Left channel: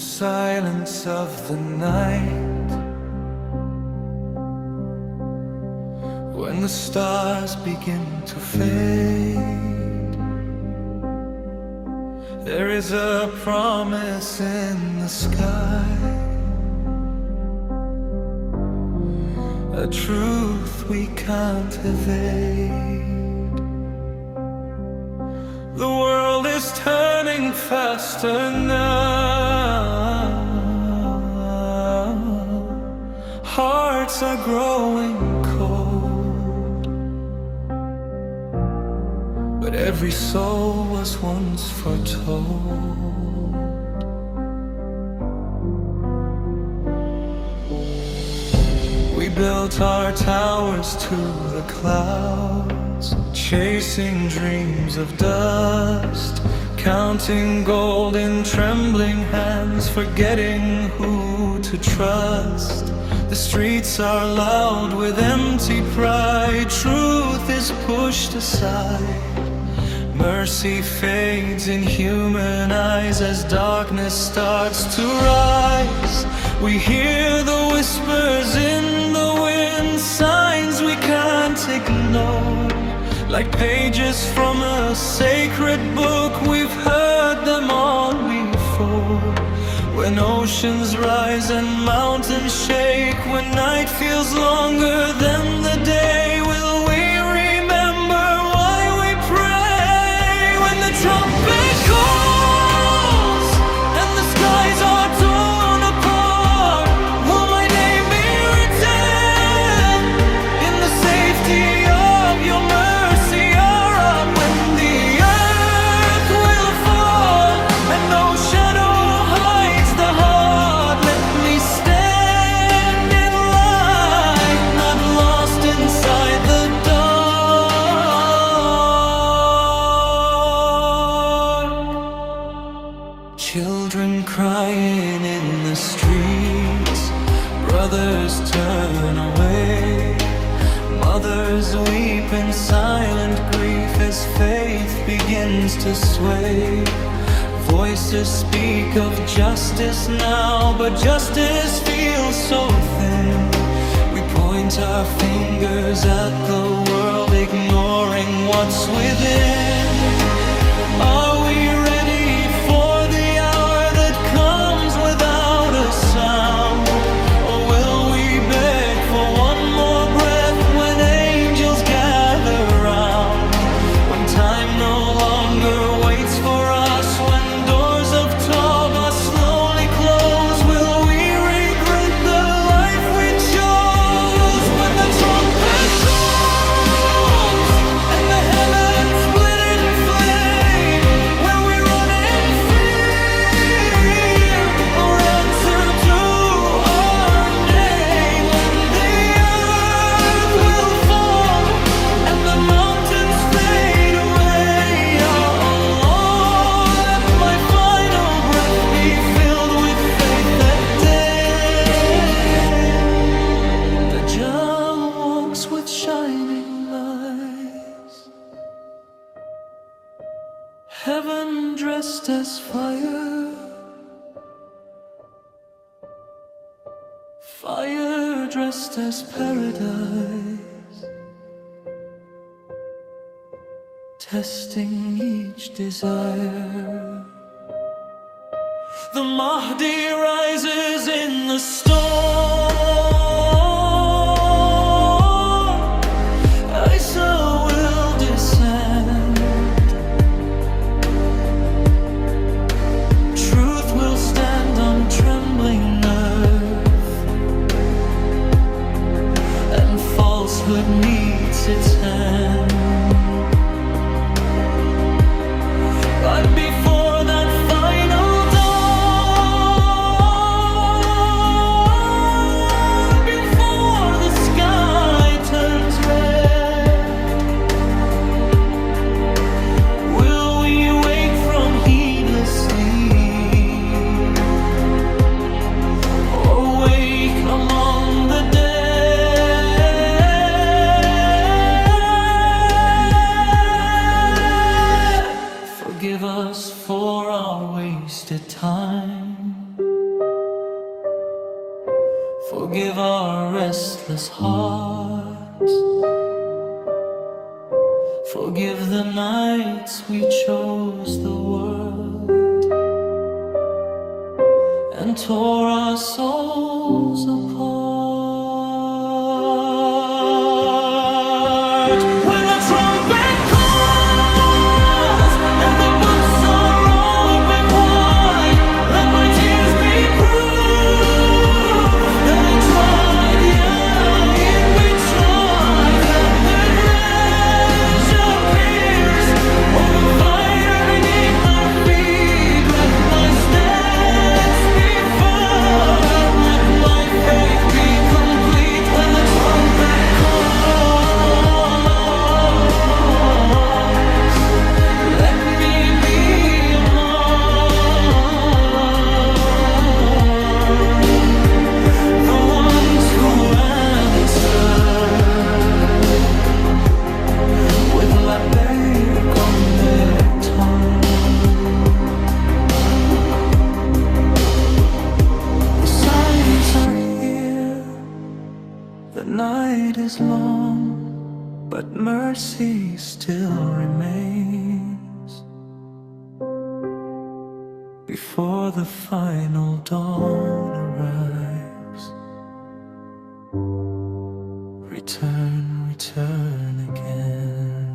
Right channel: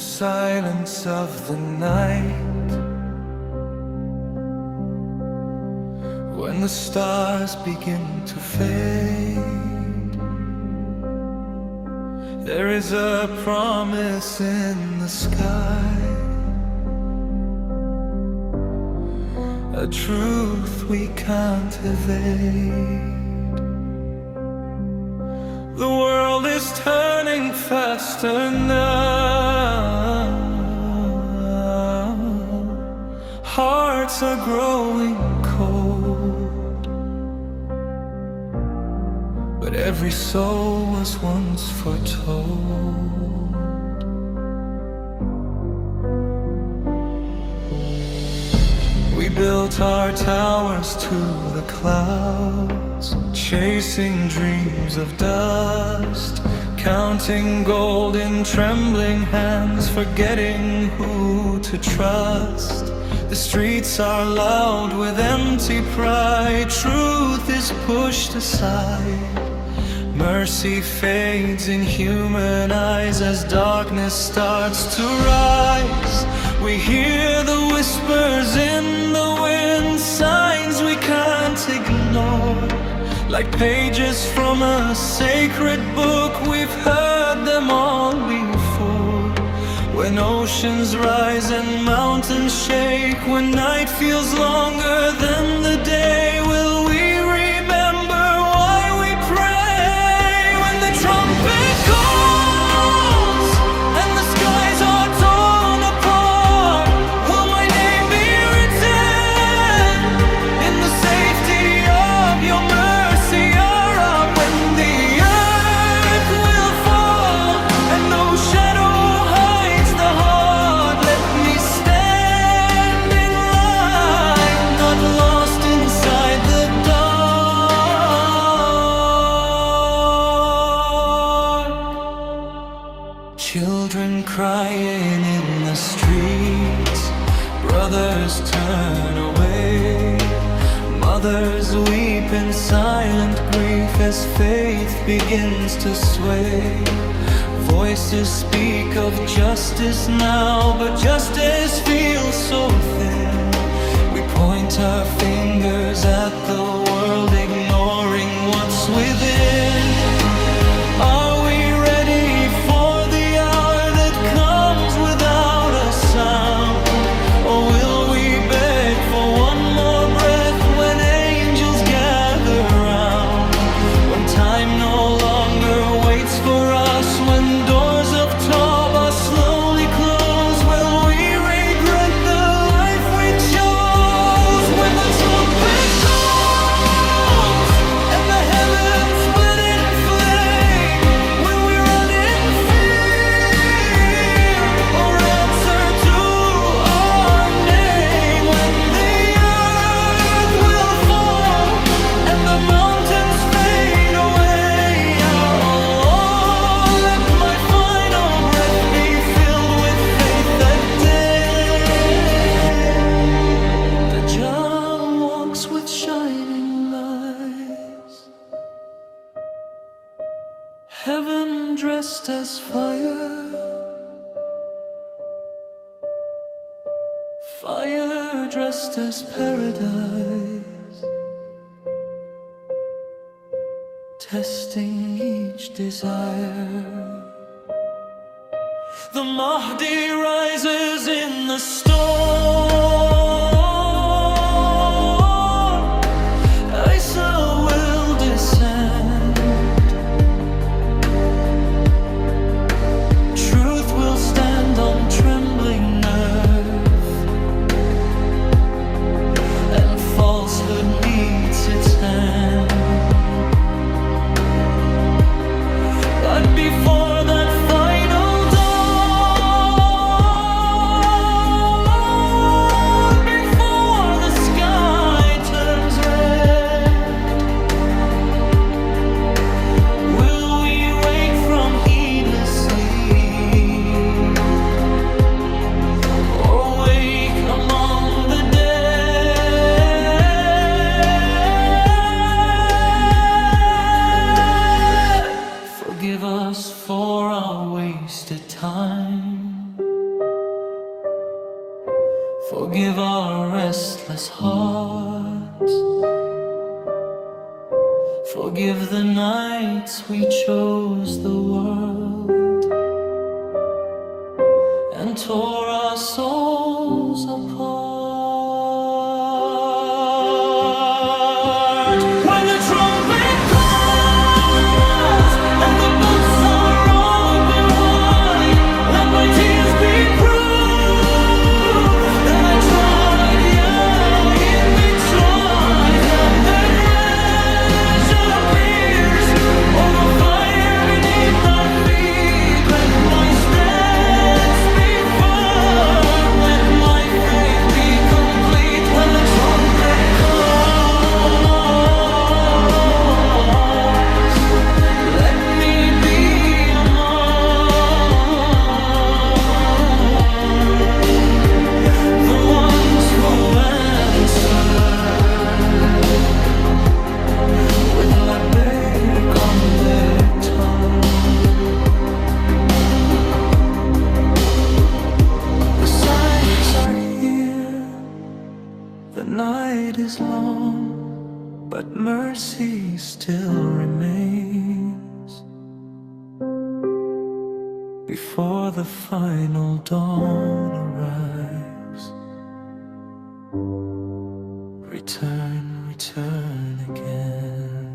the silence of the night, when the stars begin to fade, there is a promise in the sky, a truth we can't evade. The world is turning faster now, hearts are growing cold, but every soul was once foretold. We built our towers to the clouds, chasing dreams of dust, counting gold in trembling hands, forgetting who to trust. The streets are loud with empty pride, truth is pushed aside, mercy fades in human eyes as darkness starts to rise. We hear the whispers in the wind, signs we can't ignore, like pages from a sacred book. We've heard them all before. When oceans rise and mountains shake, when night feels longer than the day, will we remember why we pray? When the trumpet calls and the skies are torn apart, will my name be written in the safety of your mercy? Or up when the earth will fall and no shadow hides the heart, let me stand in light, not lost inside the dark. Children crying in the streets, brothers turn away, mothers weep in silent grief as faith begins to sway. Voices speak of justice now, but justice feels so thin. We point our fingers at the world, ignoring what's within. Are we ready for the hour that comes without a sound? Or will we beg for one more breath when angels gather round? When time no longer waits for us, when doors of Tawbah slowly close, will we regret the life we chose? When the trumpet calls and the heavens split in flame, will we run in fear or answer to our name? When the earth will fall and the mountains fade away, Ya Allah, let my final breath be filled with faith that day. Dajjal walks with shining lights, heaven dressed as fire, fire dressed as paradise, testing each desire. The Mahdi rises in the storm, Isa will descend, truth will stand on trembling earth, and falsehood meets its end. But before that final dawn, before the sky turns red, will we wake from heedless sleep, or wake among the dead? Forgive us for our wasted time. Forgive our restless hearts. Forgive the nights we chose the world and tore our souls apart. When the trumpet calls and the books are open wide, let my tears be proof that I tried. Yeah, it makes choice, and the treasure pierced over fire beneath our feet. Let my steps be firm, let my faith be complete. When the trumpet calls, let me be among the ones who answer with labbaik on their tongue. The signs are here, the night is long, but mercy still remains. Before the final dawn arrives, return, return again.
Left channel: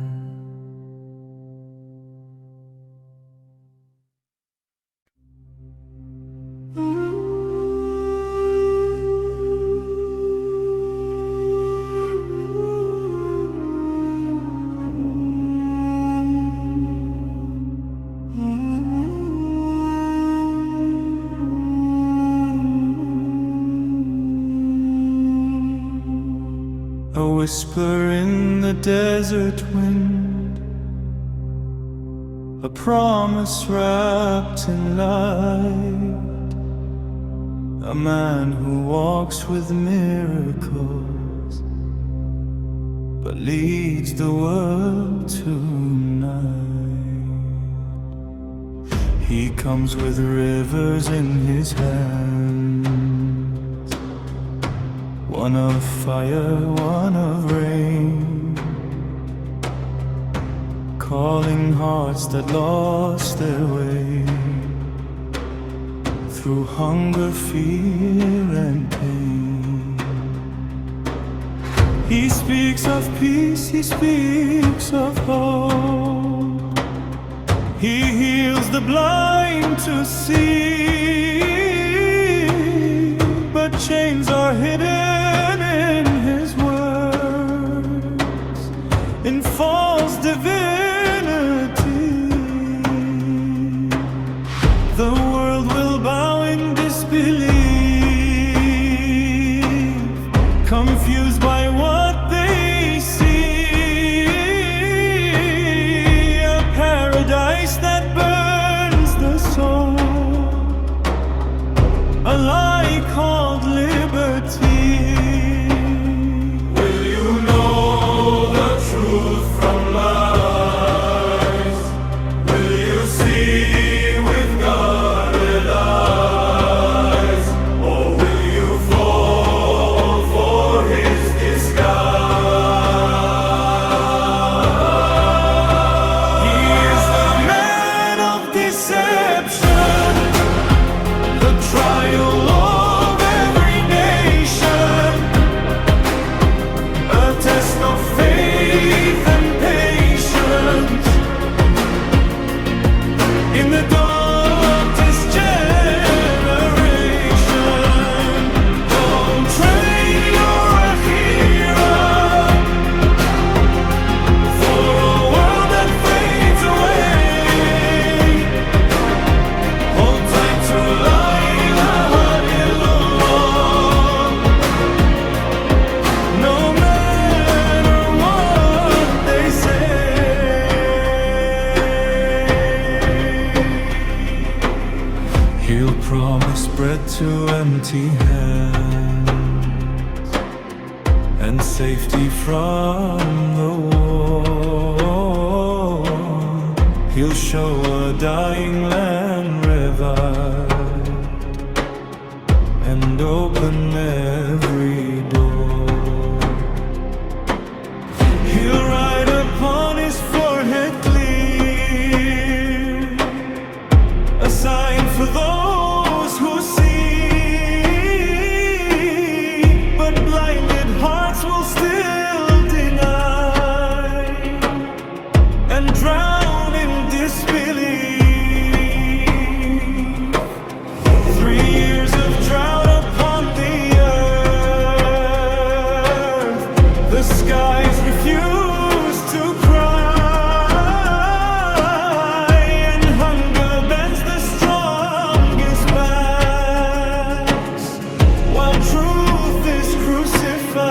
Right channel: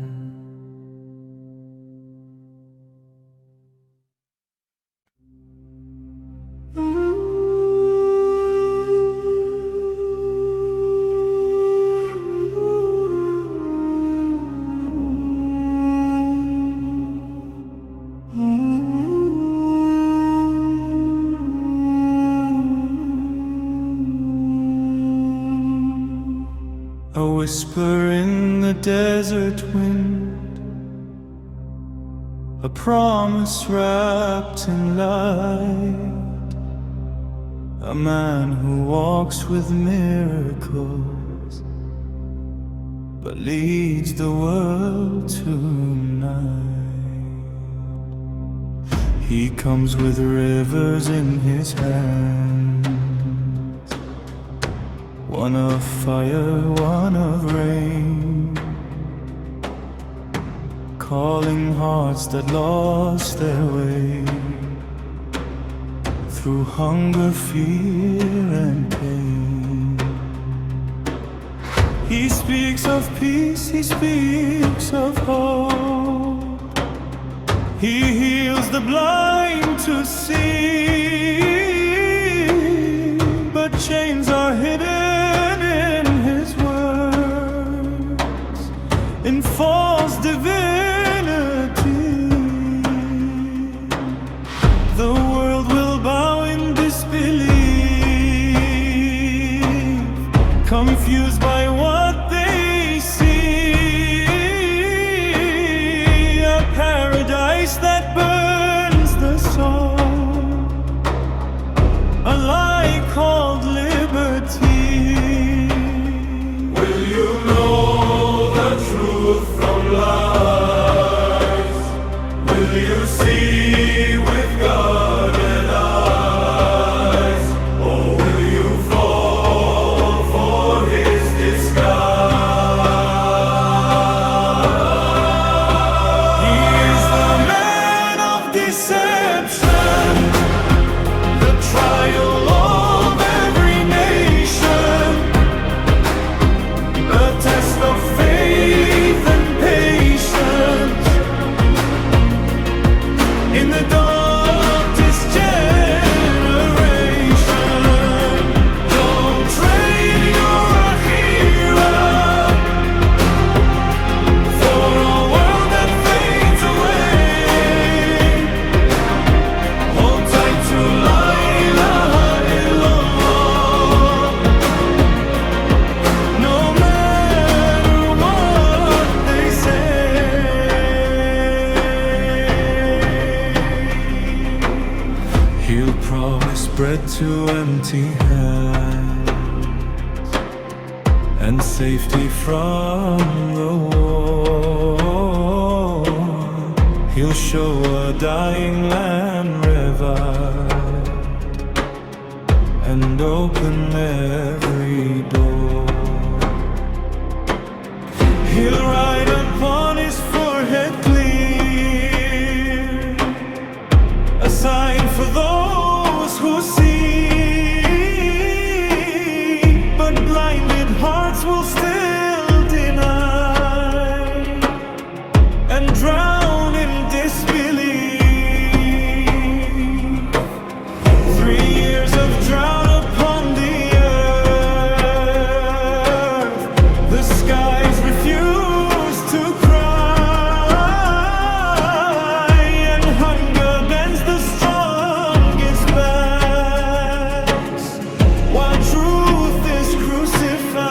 A whisper in the desert wind, a promise wrapped in light, a man who walks with miracles but leads the world tonight. He comes with rivers in his hands, one of fire, one of rain, calling hearts that lost their way through hunger, fear, and pain. He speaks of peace, he speaks of hope. He heals the blind to see, but chains are hidden in his words, in false divinity. The world will bow in disbelief, confused by what they see. A paradise that burns the soul, a lie called liberty. Will you know the truth from lies? Will you see with guarded eyes? Or will you fall for his disguise? He is the man of deception, the trial of every nation, a test of faith and patience in the darkest generation. Don't trade your Akhir for a world that fades away. Hold tight to La ilaha illallah, no matter what they say. He'll promise bread to empty hands and safety from the war. He'll show a dying land revived and and open every door. He'll write upon his forehead clear, a sign for those who see, but blinded hearts will still deny and drown in disbelief. 3 years of drought upon the earth, the skies refuse to cry, and hunger bends the strongest backs, while truth is crucified.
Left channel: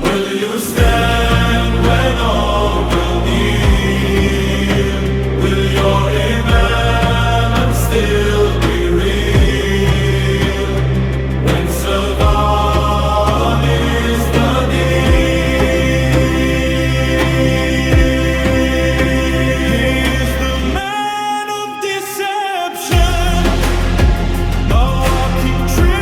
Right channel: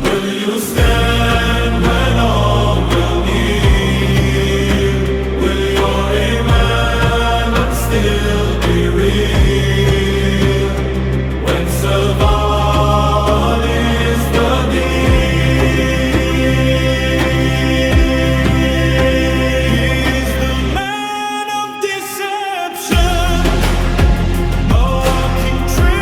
Will you stand when all will kneel? Will your iman still be real when survival is the deal? He is the man of deception, a walking tribulation,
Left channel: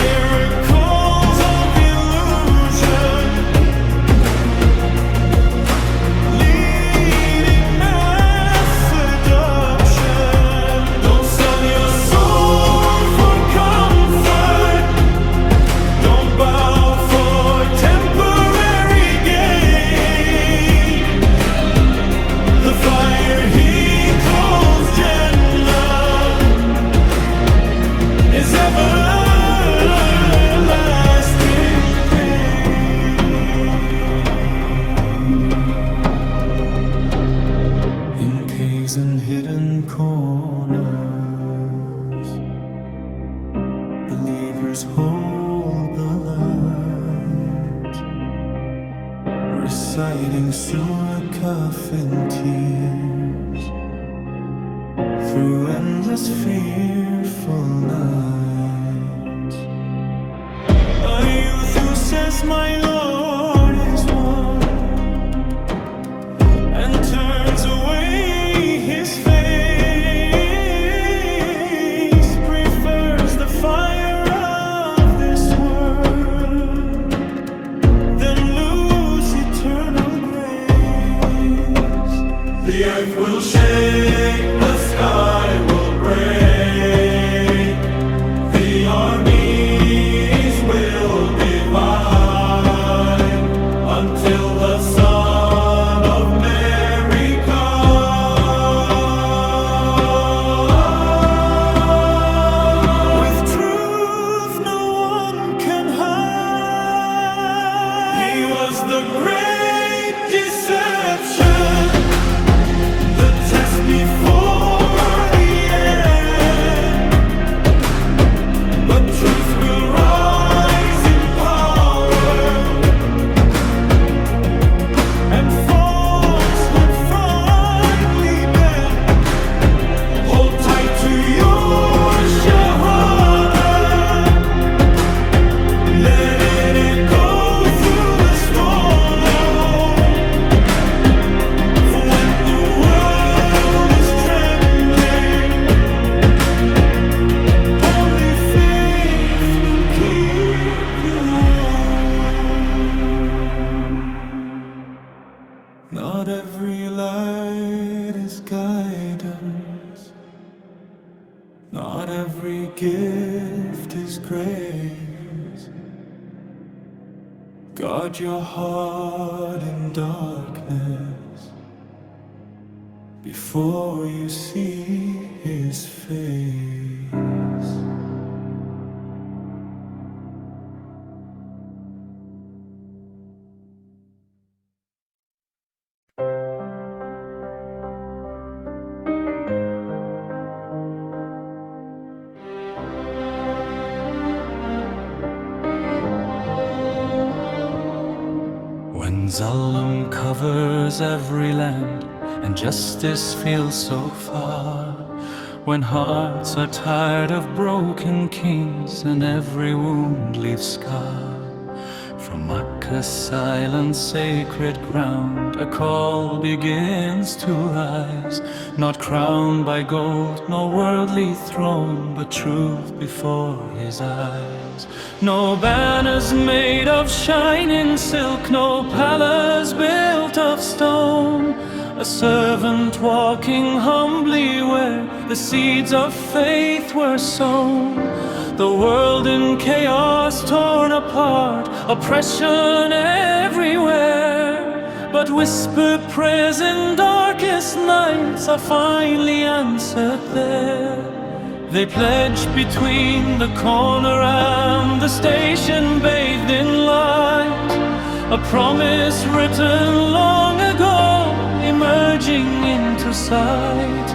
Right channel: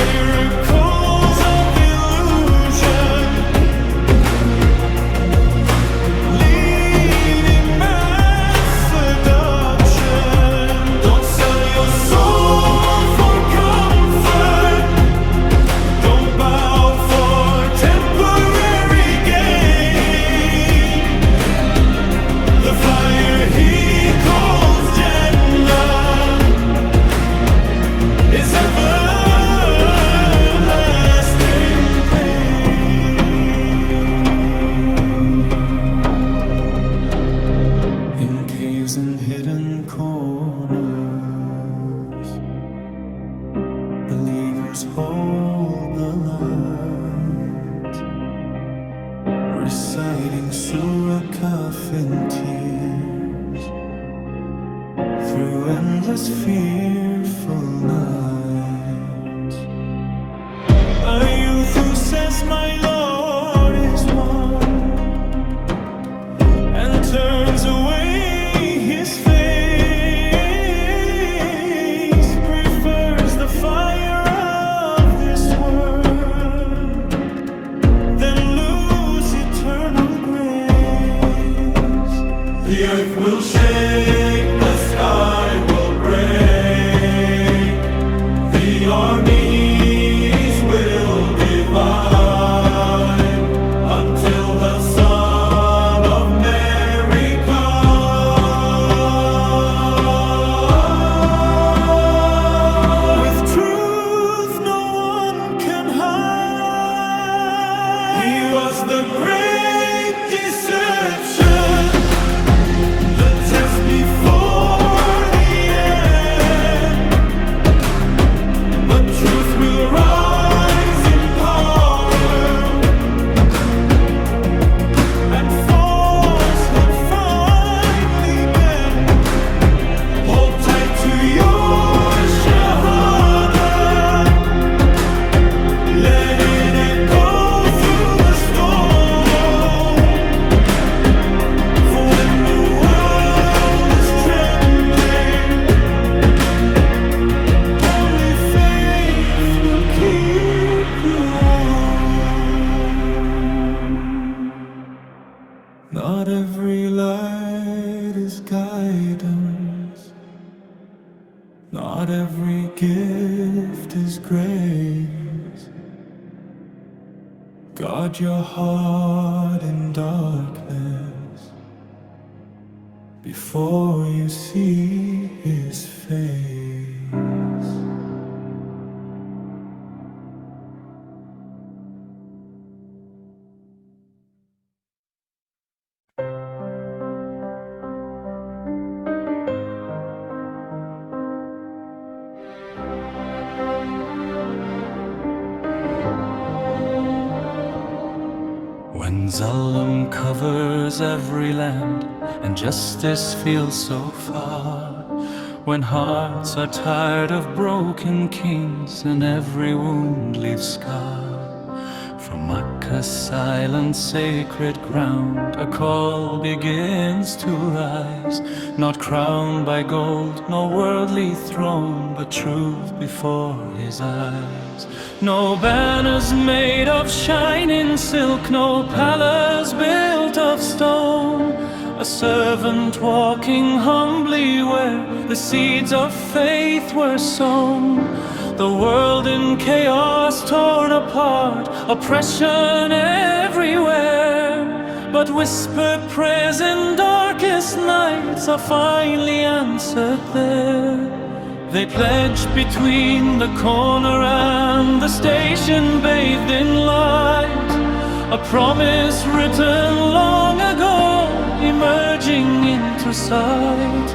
miracles of illusion, leading mass seduction. Don't sell your soul for comfort, don't bow for temporary gain. The fire he calls Jannah is everlasting pain. In caves and hidden corners, believers hold the light, reciting Surah Kahf in tears through endless fearful nights. A youth who says my Lord is one, and turns away his face, prefers the fire of this world than lose eternal grace. The earth will shake, the sky will break, the armies will divide until the Son of Mary comes. With truth no one can hide. He was the great deception, the test before the end. But truth will rise in power, and falsehood finally bend. Hold tight to your shahada, let it echo through the storm. For when the world is trembling, only faith will keep you warm. Not every light is guidance, not every gift is grace. Guard your heart in darkness before you see his face. When Zulm covers every land and justice feels so far, when hearts are tired of broken kings and every wound leaves scar, From Makkah's silent sacred ground, a call begins to rise, not crowned by gold, nor worldly throne, but truth before his eyes. No banners made of shining silk, no palace built of stone, a servant walking humbly where the seeds of faith were sown. The world in chaos torn apart, oppression everywhere, but whispered prayers in darkest nights are finally answered there. They pledge between the corner and the station, bathed in light, a promise written long ago, emerging into sight.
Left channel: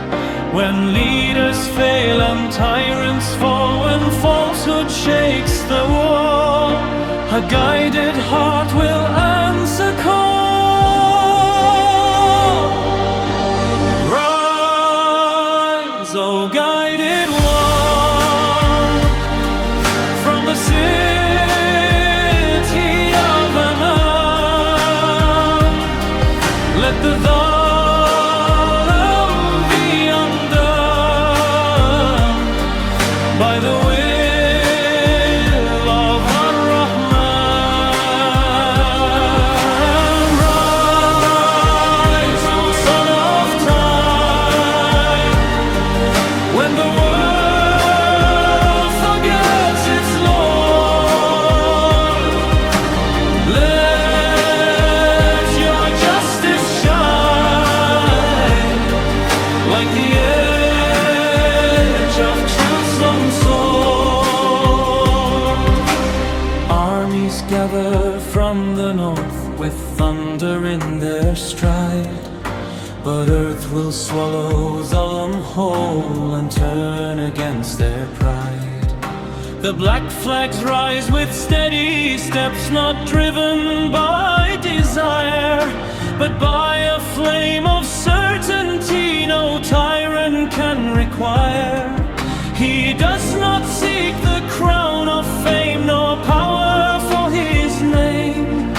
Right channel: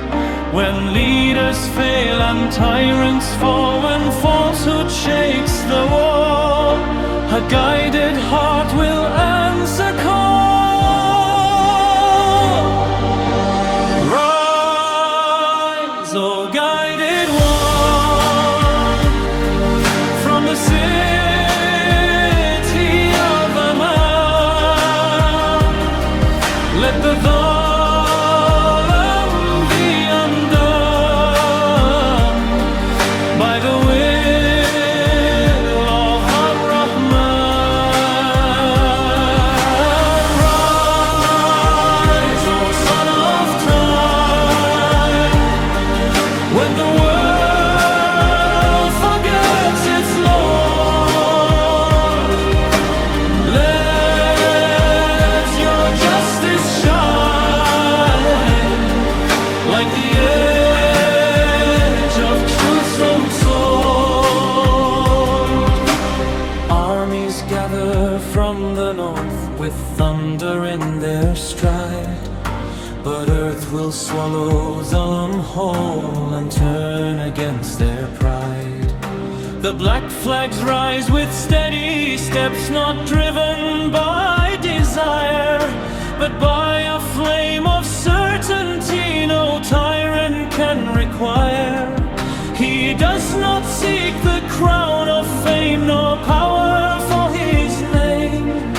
When leaders fail and tyrants fall, when falsehood shakes the wall, a guided heart will answer call. Rise, O guided one, from the city of Aman. Let the by the will of Ar-Rahman. Rise, O son of time, when the world forgets its Lord. Let your justice shine like the edge of truth's own sword. Armies gather from the north with thunder in their stride, but earth will swallow Zaman whole and turn against their pride. The black flags rise with steady steps, not driven by desire, but by a flame of certainty no tyrant can require. He does not seek the crown of fame nor power for his name,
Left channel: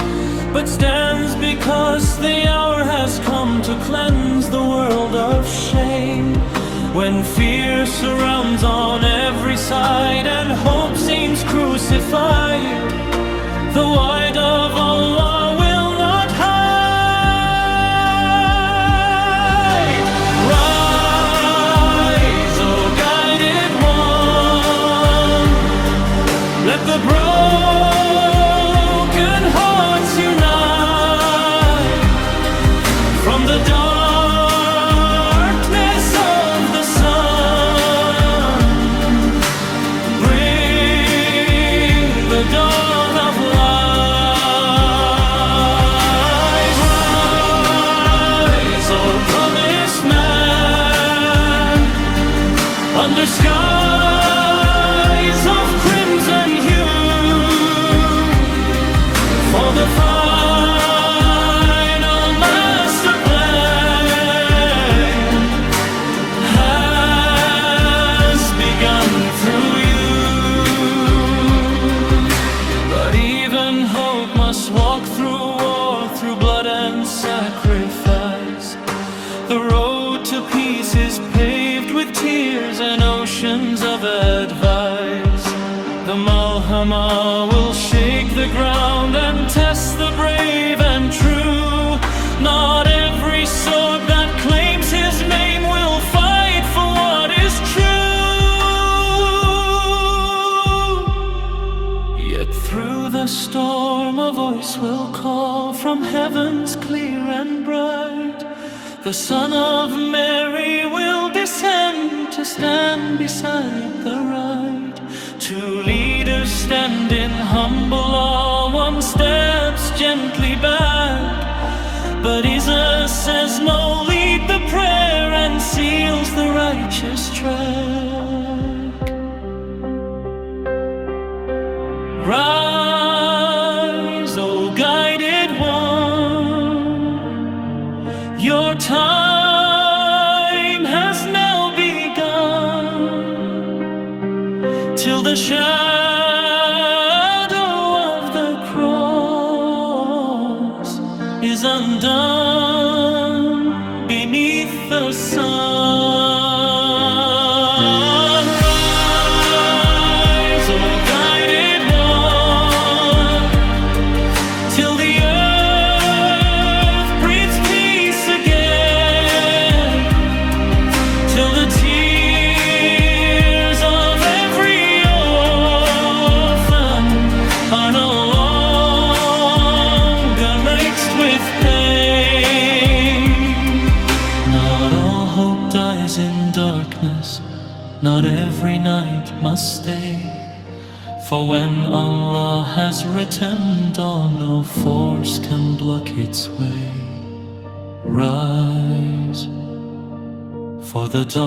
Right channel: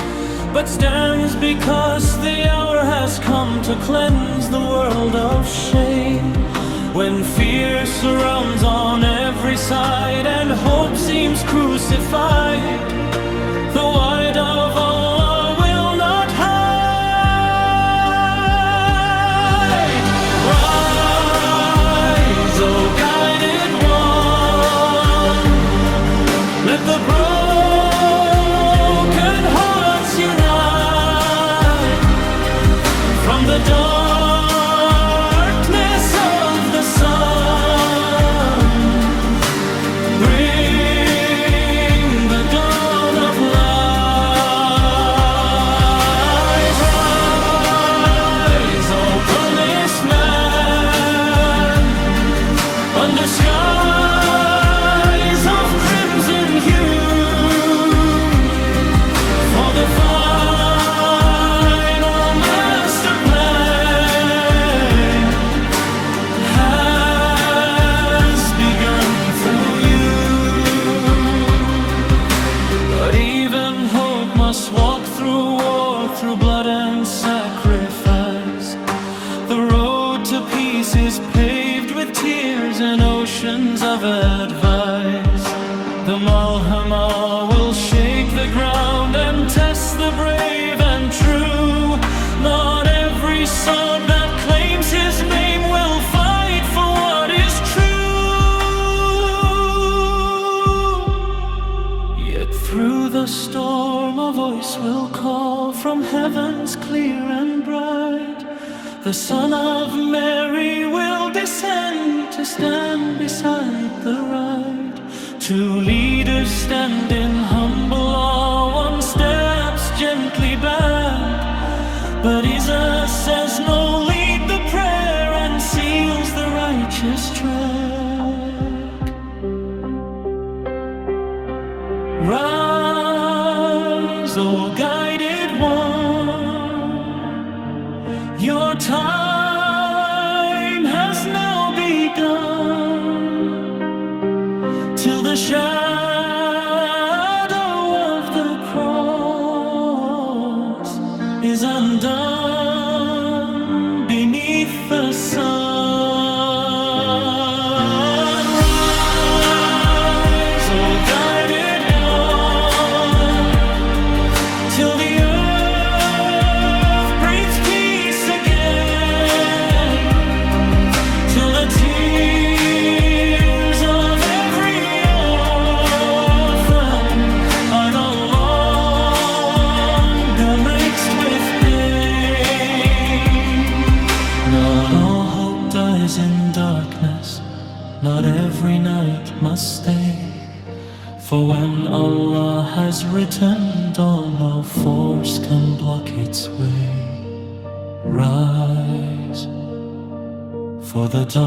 but stands because the hour has come to cleanse the world of shame. When fear surrounds on every side and hope seems crucified, the light of Allah will not hide. Rise, O guided one, let the broken hearts unite. From the darkness of the sun, bring the dawn of light. Rise, O promised man, under skies of crimson hue, for the final master plan has begun through you. But even hope must walk through war, through blood and sacrifice. The road to peace is paved with tears and oceans of advice. The Malhamah will shake the ground and test the brave and true. Not every sword that claims his name will fight for what is true. Yet through the storm a voice will call from heavens clear and bright. The Son of Mary will descend to stand beside the right. Two leaders stand in humble awe, one steps gently back, but Jesus says no, lead the prayer and seals the righteous track. Rise, O guided one, your time has now begun, till the shadow of the cross undone beneath the sun. Rise, O guided one, till the earth breathes peace again, till the tears of every orphan are no longer mixed with pain. Not all hope dies in darkness, not every night must stay. For when Allah has written dawn, no force can block its way. Rise, for the dawn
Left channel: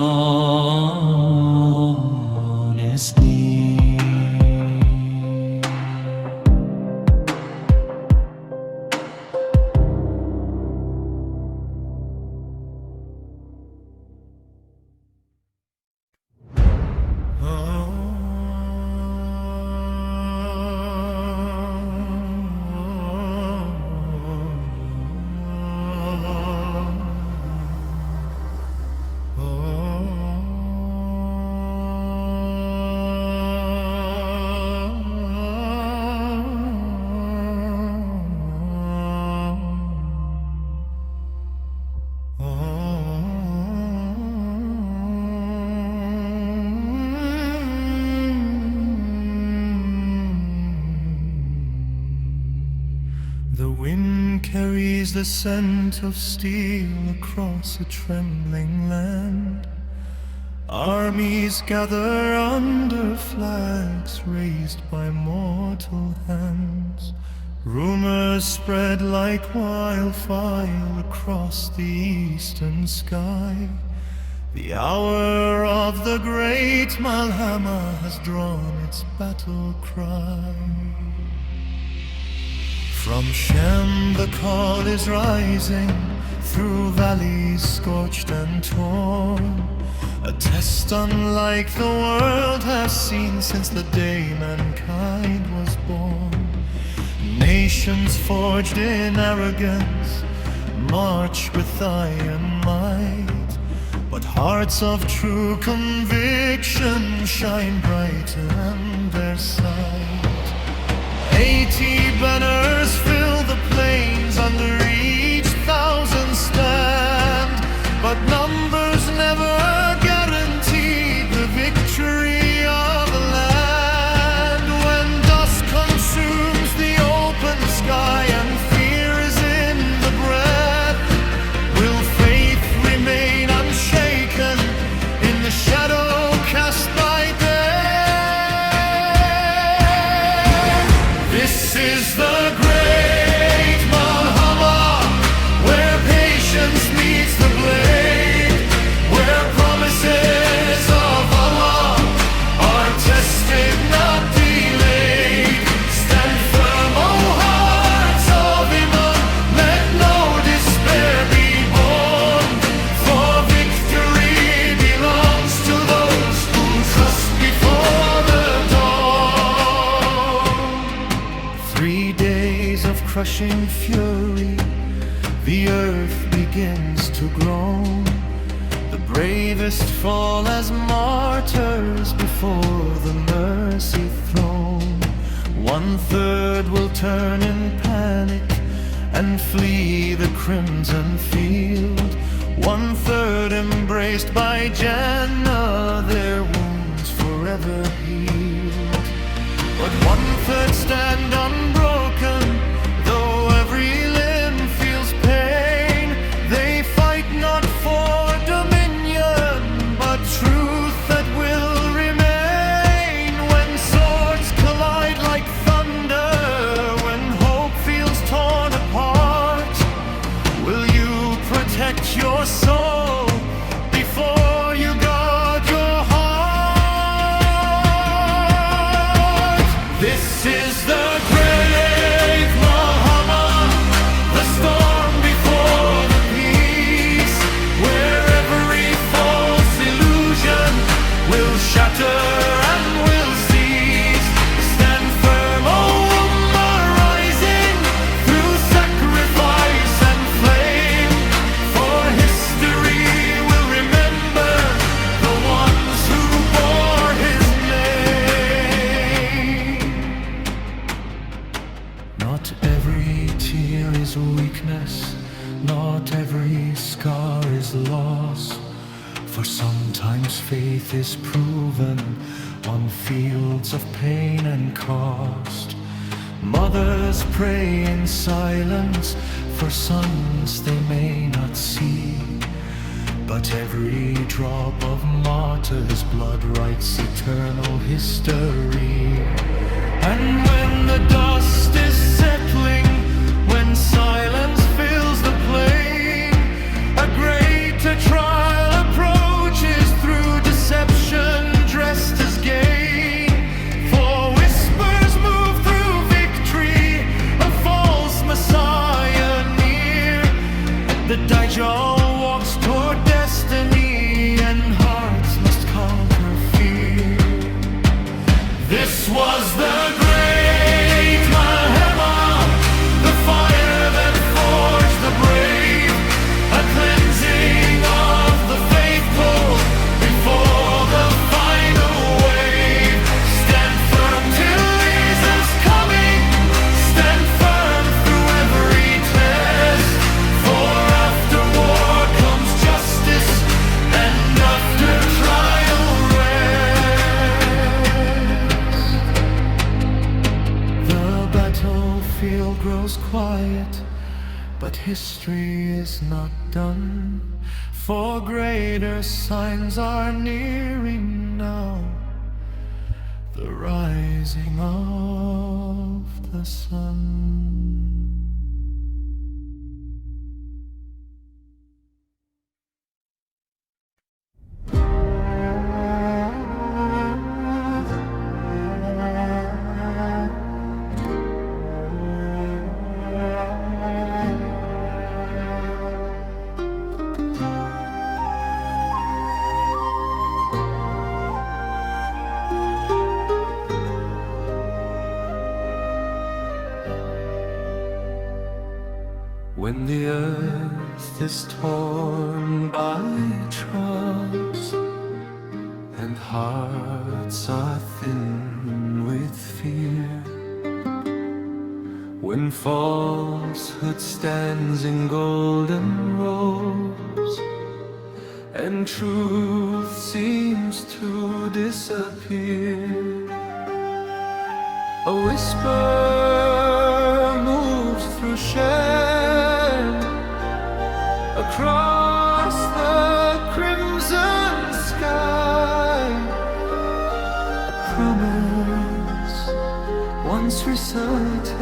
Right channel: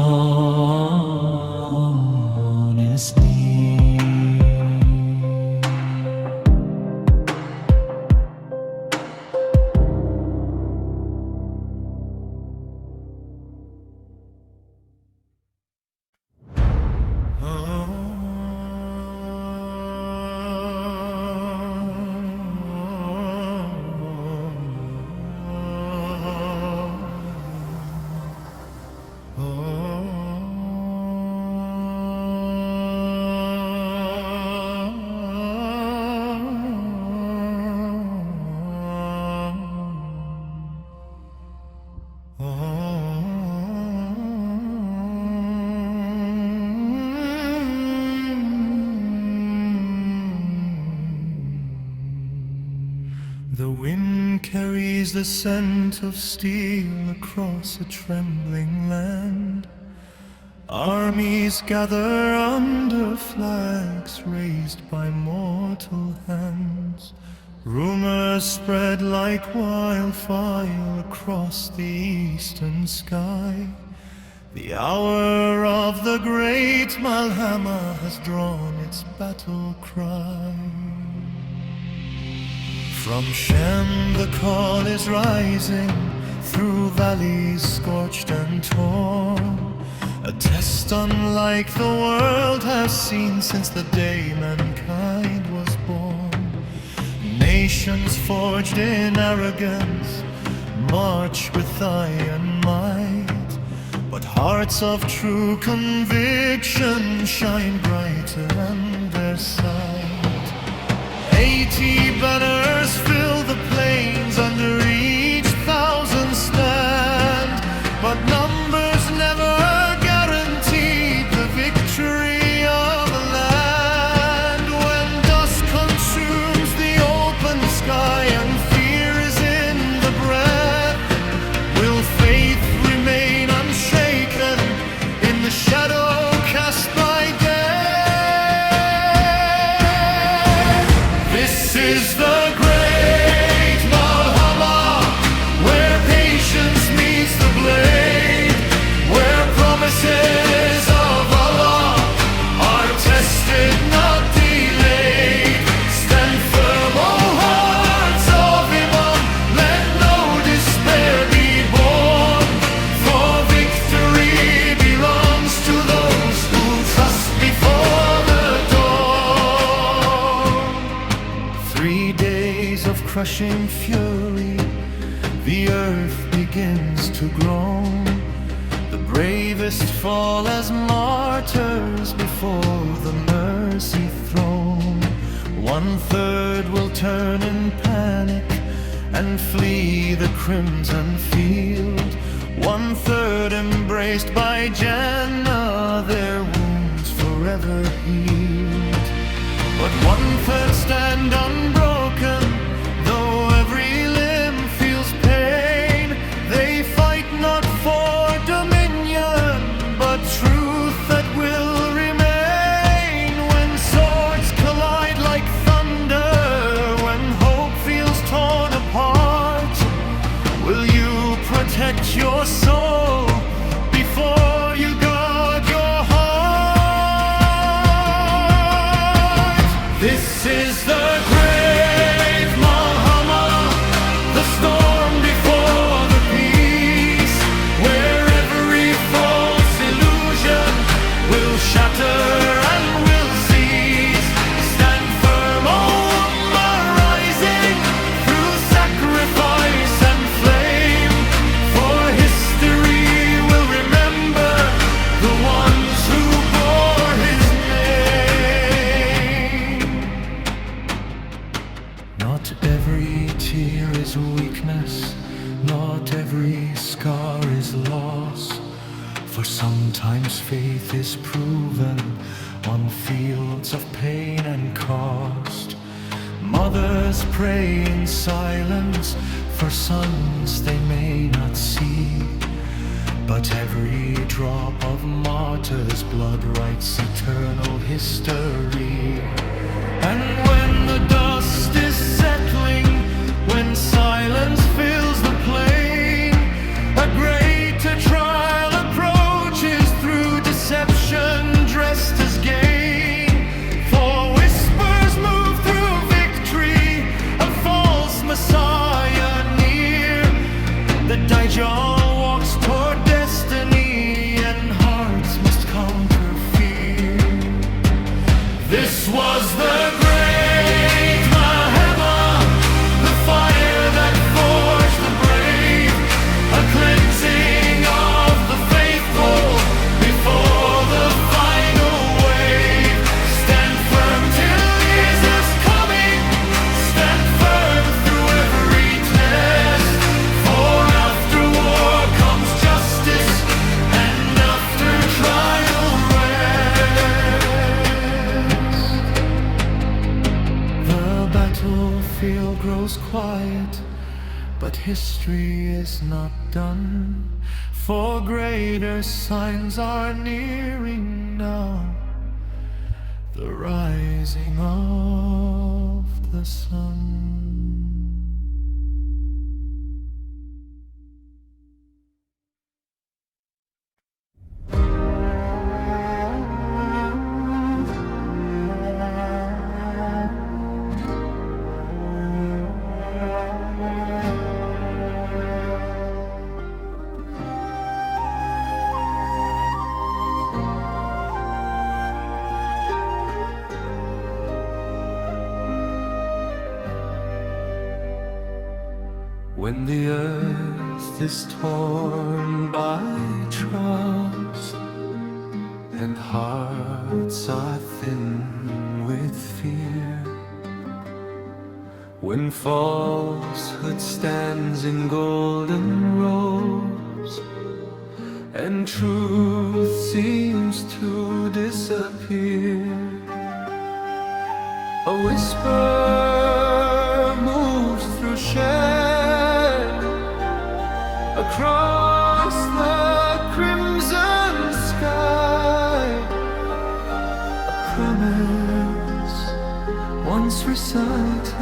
is near. The wind carries the scent of steel across a trembling land. Armies gather under flags raised by mortal hands. Rumors spread like wildfire across the eastern sky. The hour of the Great Malhamah has drawn its battle cry. From Shem the call is rising, through valleys scorched and torn. A test unlike the world has seen since the day mankind was born. Nations forged in arrogance march with iron might, but hearts of true conviction shine brighter than their sight. 80 banners fill the plains, under each 1,000 stand, but numbers never guaranteed the victory of a land. When dust consumes the open sky and fear is in the breath, will faith remain unshaken in the shadow cast by death? This is the Great Malhamah, where patience meets the blade, where promises of Allah are tested, not delayed. Stand firm, O hearts of iman, let no despair be born, for victory belongs to those who trust before the dawn. 3 days of crushing fury, the earth begins to groan. The bravest fall as martyrs before the mercy throne. 1/3 will turn in panic and flee the crimson field. 1/3 embraced by Jannah, their wounds forever healed. But 1/3 stand unbroken, though every limb feels pain. They fight not for dominion, but truth that will remain. When swords collide like thunder, when hope feels torn apart, will you protect your soul before you guard your heart? This is the Great Malhamah, the storm before the peace, where every false illusion will shatter and will cease. Stand firm, O Ummah, rising through sacrifice and every scar is loss, for sometimes faith is proven on fields of pain and cost. Mothers pray in silence for sons they may not see, but every drop of martyr's blood writes eternal history. And when the dust is settling, when silence fills the plain, a greater trial approaches through deception dressed as gain. For whispers move through victory, a false Messiah near. The Dajjal walks toward destiny, and hearts must conquer fear. This was the Great Malhamah, the fire that forged the brave, a cleansing of the faithful before the final wave. Stand firm till Jesus coming, stand firm through every test, for after war comes justice, and after trial rest. The battlefield grows quiet, but history is not done, for greater signs are nearing now, the rising of the sun. When the earth is torn by trials, and hearts are thin with fear, when falsehood stands in golden rows, and truth seems to disappear, a whisper moves through shame across the crimson sky. A promise once recited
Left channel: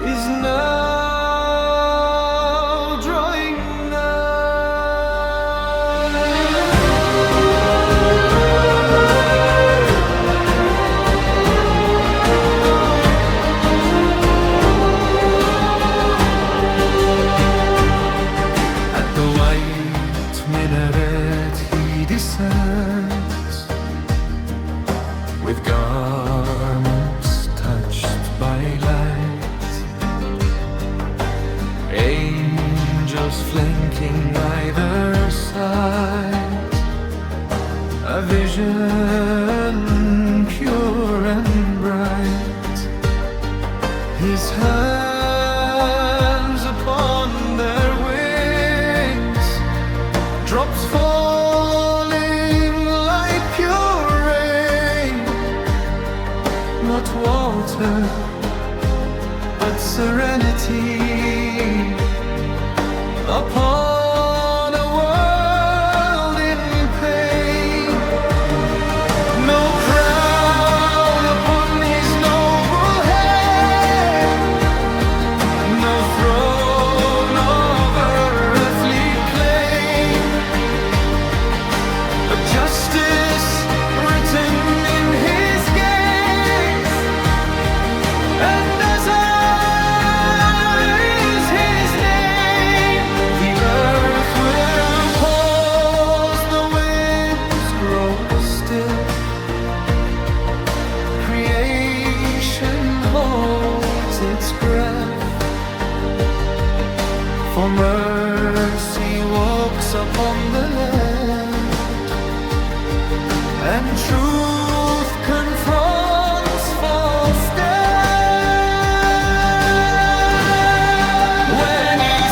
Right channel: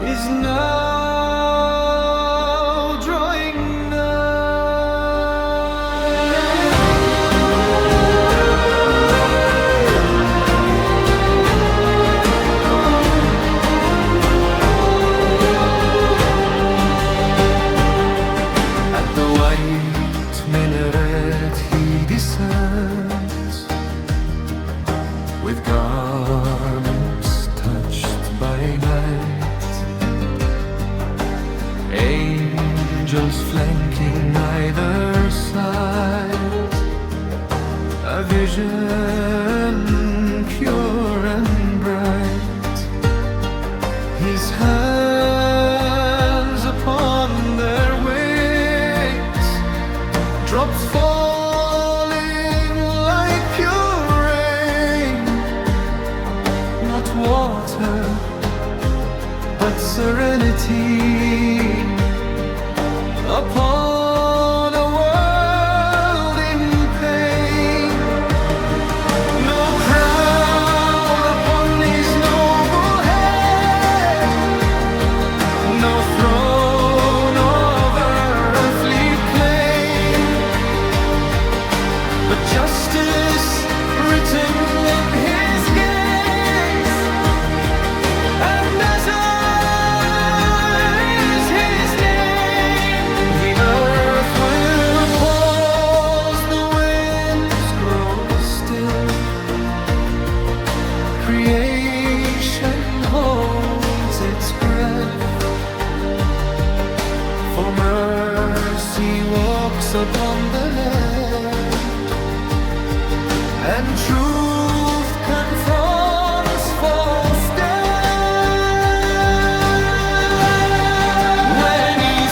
is now drawing minaret he descends, with garments touched by light, angels flanking either side, a vision pure and bright, his hands upon their wings, drops falling like pure rain, not water, but serenity upon a world in pain. No crown upon his noble head, no throne of earthly claim, but justice written in his gaze, and as is his name, the earth will pause, the winds grow still, creation holds its breath, for mercy walks upon the land, and truth confronts false death. When he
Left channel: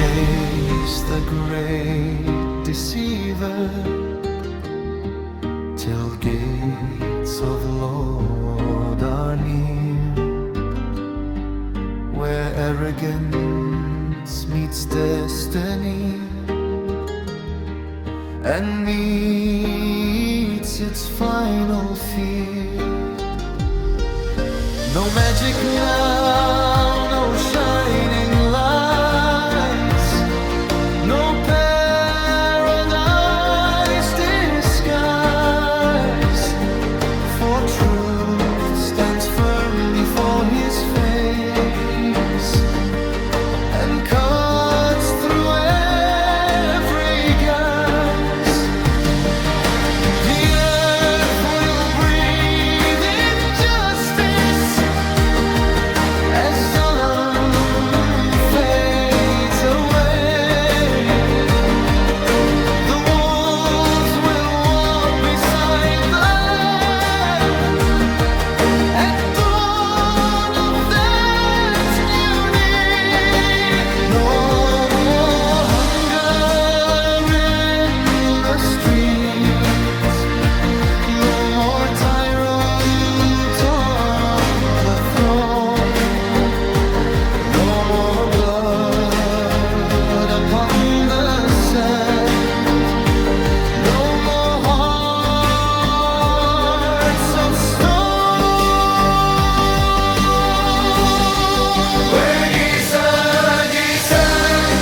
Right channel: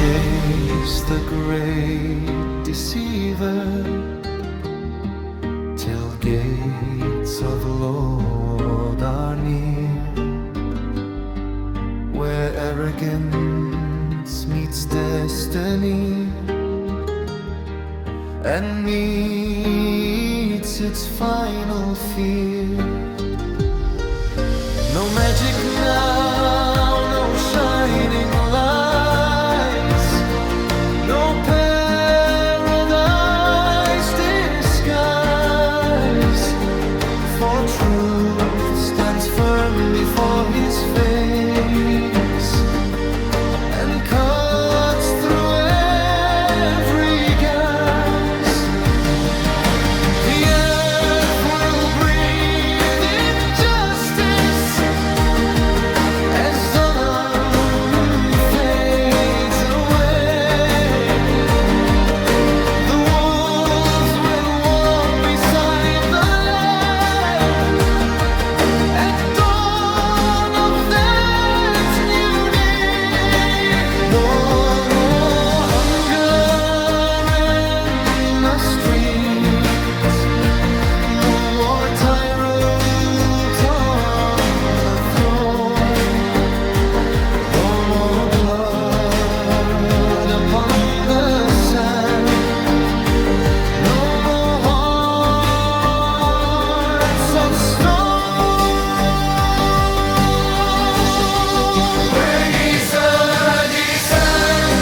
chase the great deceiver till gates of Lord are near, where arrogance meets destiny and meets its final fear. No magic now, no shining lights, no paradise disguise, for truth stands firm before his face and cuts through every guise. The earth will breathe injustice as Zaman fades away. The wolves will walk beside the lamb at dawn of that new day. No more hunger in the streets, no more tyrant on the throne, no more blood upon the sand, no more hearts of stone. Where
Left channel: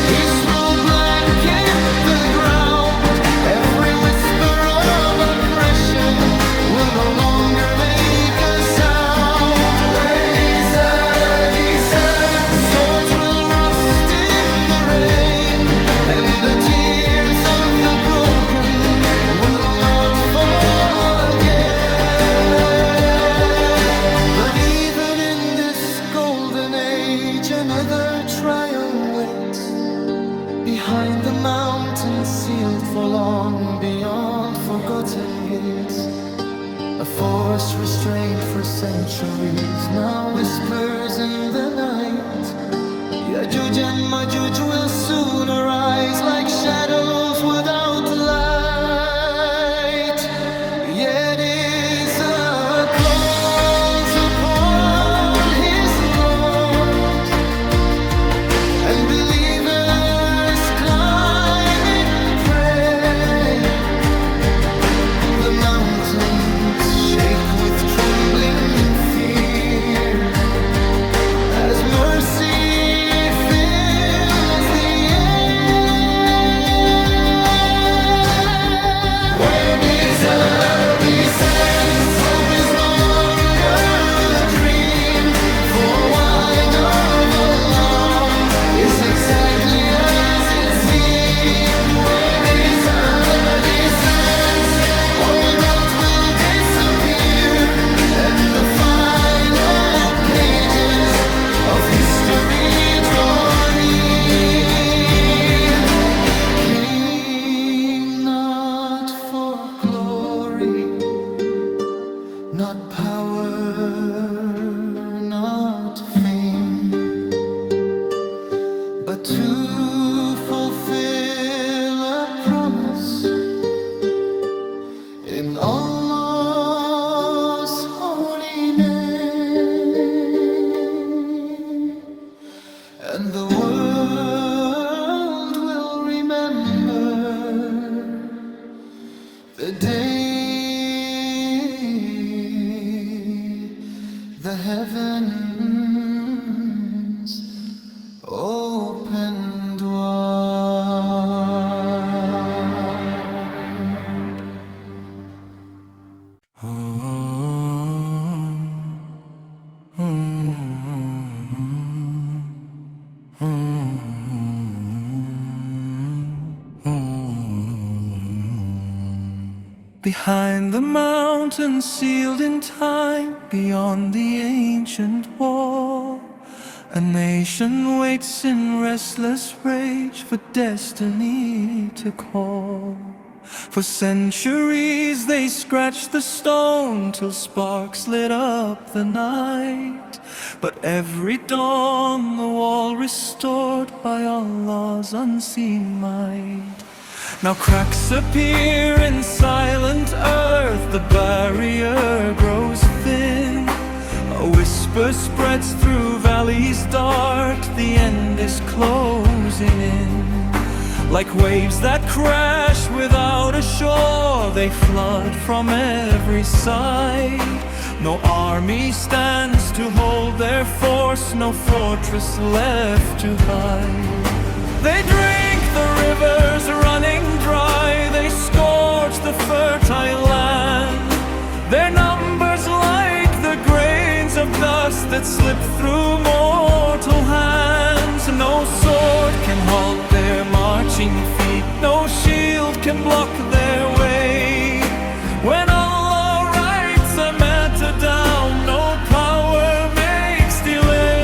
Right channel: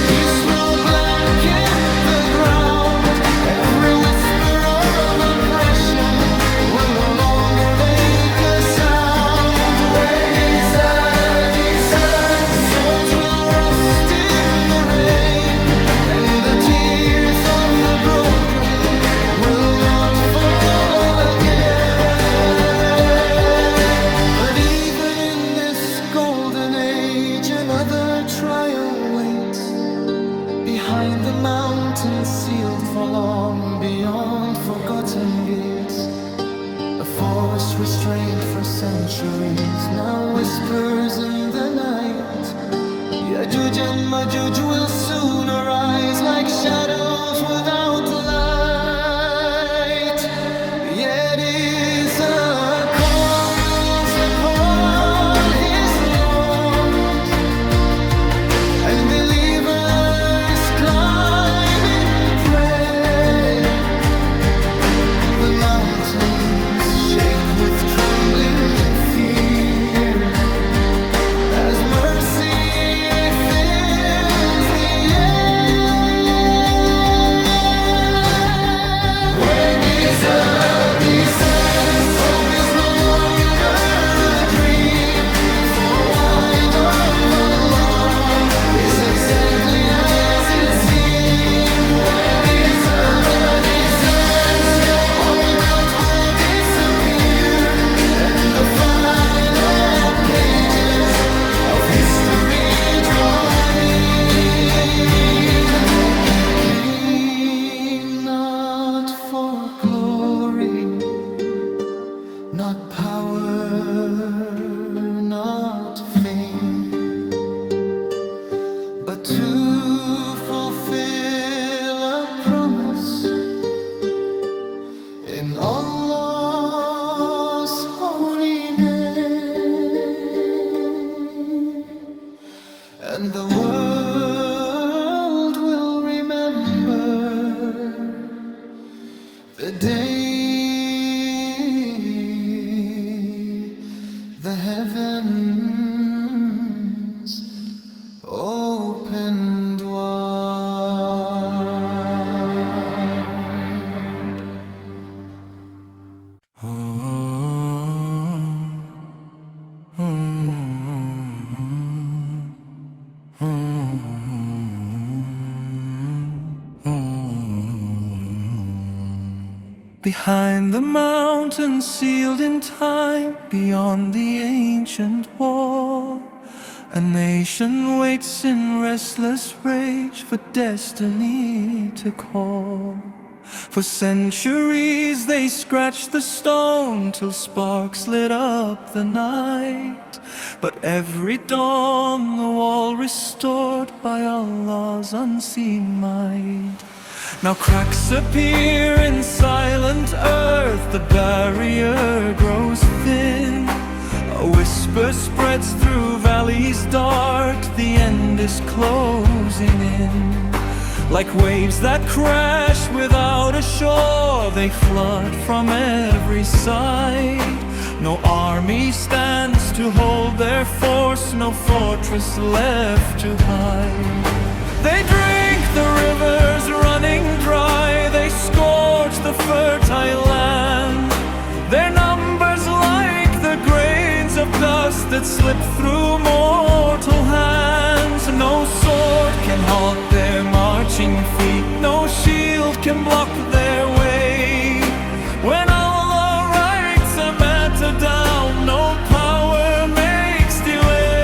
peace will blanket the ground, every whisper of oppression will no longer make a sound. Where swords will rust in the rain, and the tears of the broken will not fall again. But even in this golden age, another trial waits behind the mountain, sealed for long beyond forgotten gates. A force restrained for centuries now whispers in the night. Yajuj and Majuj will soon arise like shadows without light. Yet is a calls upon his Lord, and believers climb and pray. The mountains shake with trembling fear as mercy fills the air. When hope is no longer a dream, for wide of Allah is exactly as it seemed. When all doubt will disappear, and the final pages of history draw near. He came not for glory, not power, not fame, but to fulfill a promise in Allah's holy name. And the world will remember the day the heavens opened wide. Behind the mountain, sealed in time, beyond the ancient wall, a nation waits in restless rage for destiny to call. For centuries they scratched the stone till sparks lit up the night. But every dawn the wall restored by Allah's unseen might. Now cracks appear in silent earth, the barrier grows thin. A whisper spreads through valleys dark, the end is closing in. Like waves that crash without a shore, they flood from every side. No army stands to hold their force, no fortress left to hide. They drink the rivers running dry, they scorch the fertile land. Their numbers like the grains of dust that slip through mortal hands. No sword can halt their marching feet, no shield can block their way. When Allah writes a matter down, no power makes delay.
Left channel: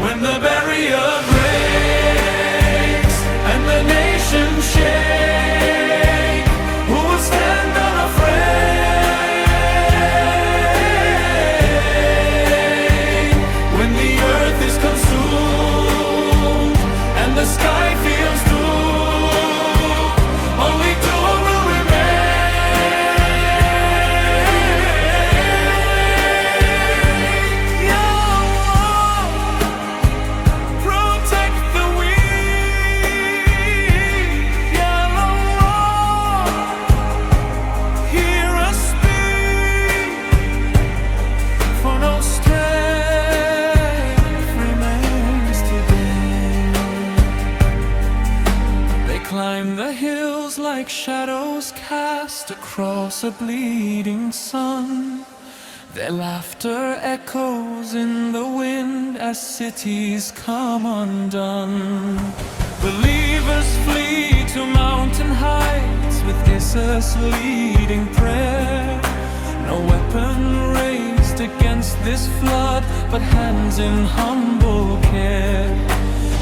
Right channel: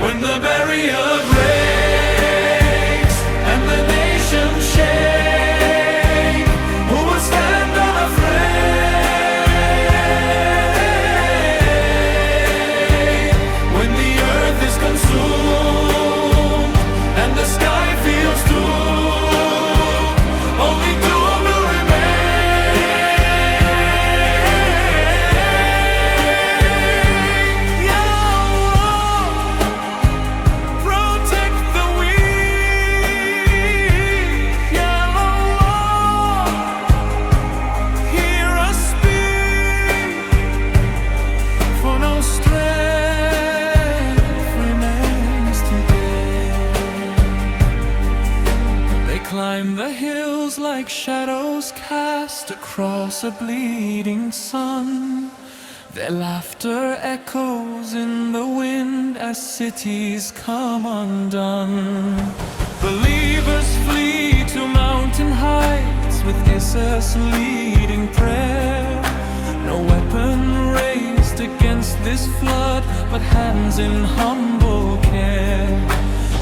When the barrier breaks and the nations shake, who will stand unafraid? When the earth is consumed and the sky feels doomed, only Dua will remain. Ya Allah, protect the weak. Ya Allah, hear us speak, for no strength remains today. They climb the hills like shadows cast across a bleeding sun. Their laughter echoes in the wind as cities come undone. Believers flee to mountain heights with Isis leading prayer. No weapon raised against this flood, but hands in humble care.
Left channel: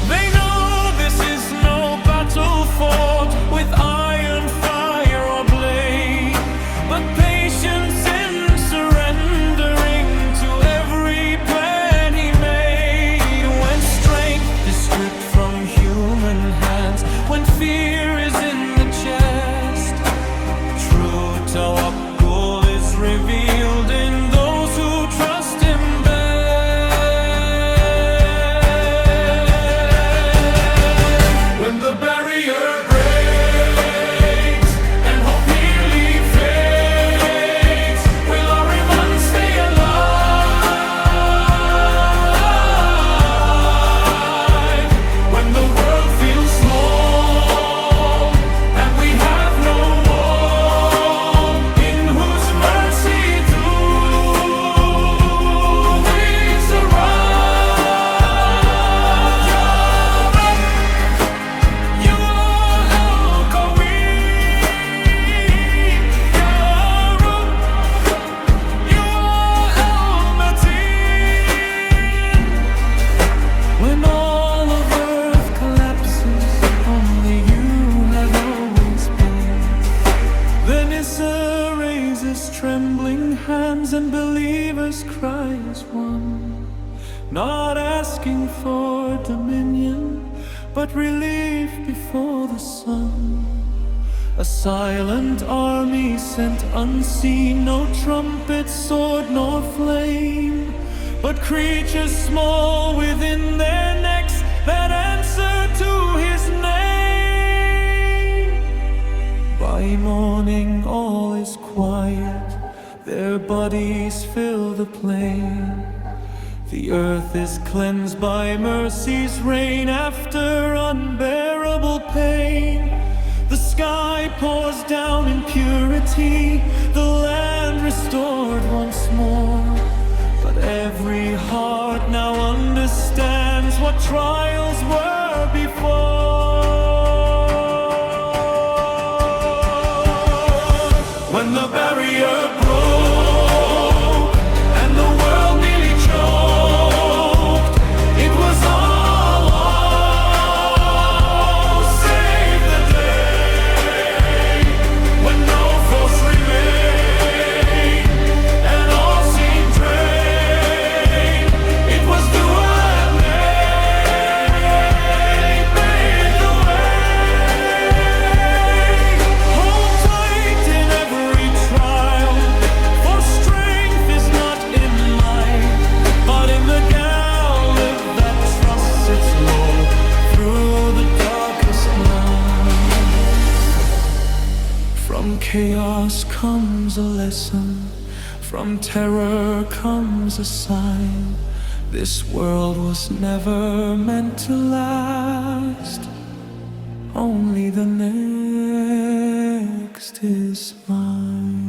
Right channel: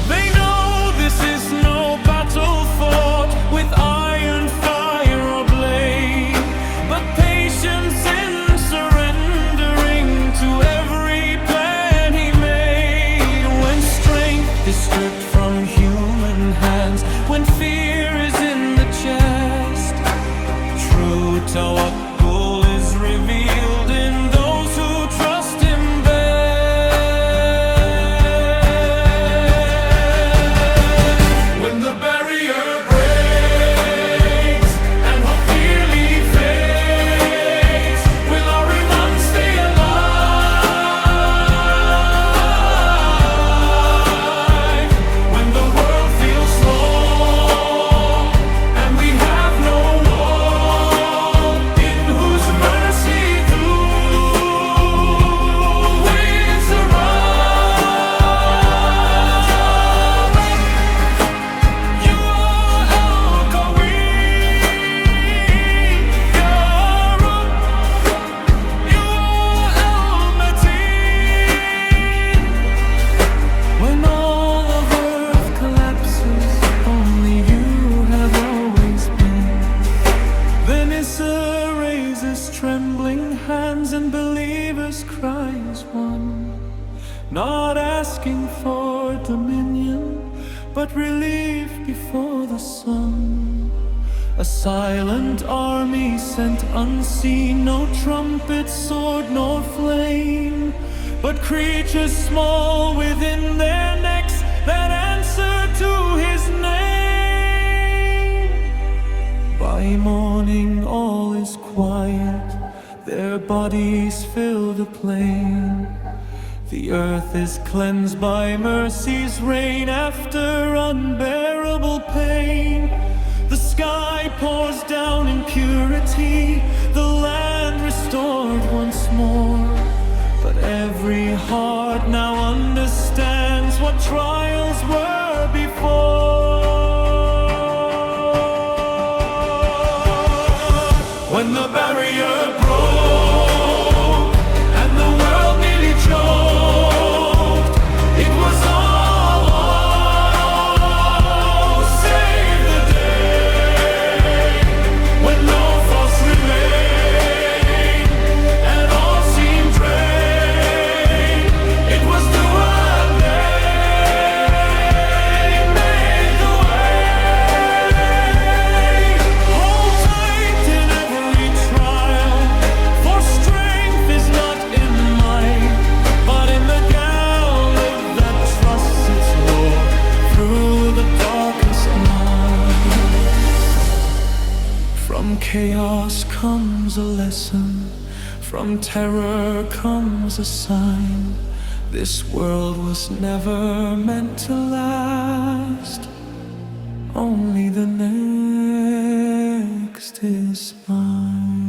They know this is no battle fought with iron, fire or blade, but patience in surrendering to every plan He made. When strength is stripped from human hands, when fear is in the chest, true tawakkul is revealed in those who trust Him best. When the barrier breaks and hope nearly fades, will our iman stay alive? When the world feels small and we have no wall, in whose mercy through winds arise. Ya Rab, You are al-Qawi. Ya Rab, You are al-Mateen. When all of earth collapses, only You have always been. Then Issa raises trembling hands and believers cry as one, not asking for dominion, but relief before the sun. A silent army sent unseen, no trumpet, sword nor flame, but creatures small within their necks that answer to His name. By morning all is quiet, their bodies fill the plain. The earth is cleansed by mercy's rain after unbearable pain. The sky pours down in purity, the land restored once more. But every heart now understands what trials were before. When the barrier broke and the world nearly choked, it was all through the darkest night. From chaos comes a lesson, from terror comes a sign. This world was never meant to last. Only the next is mine.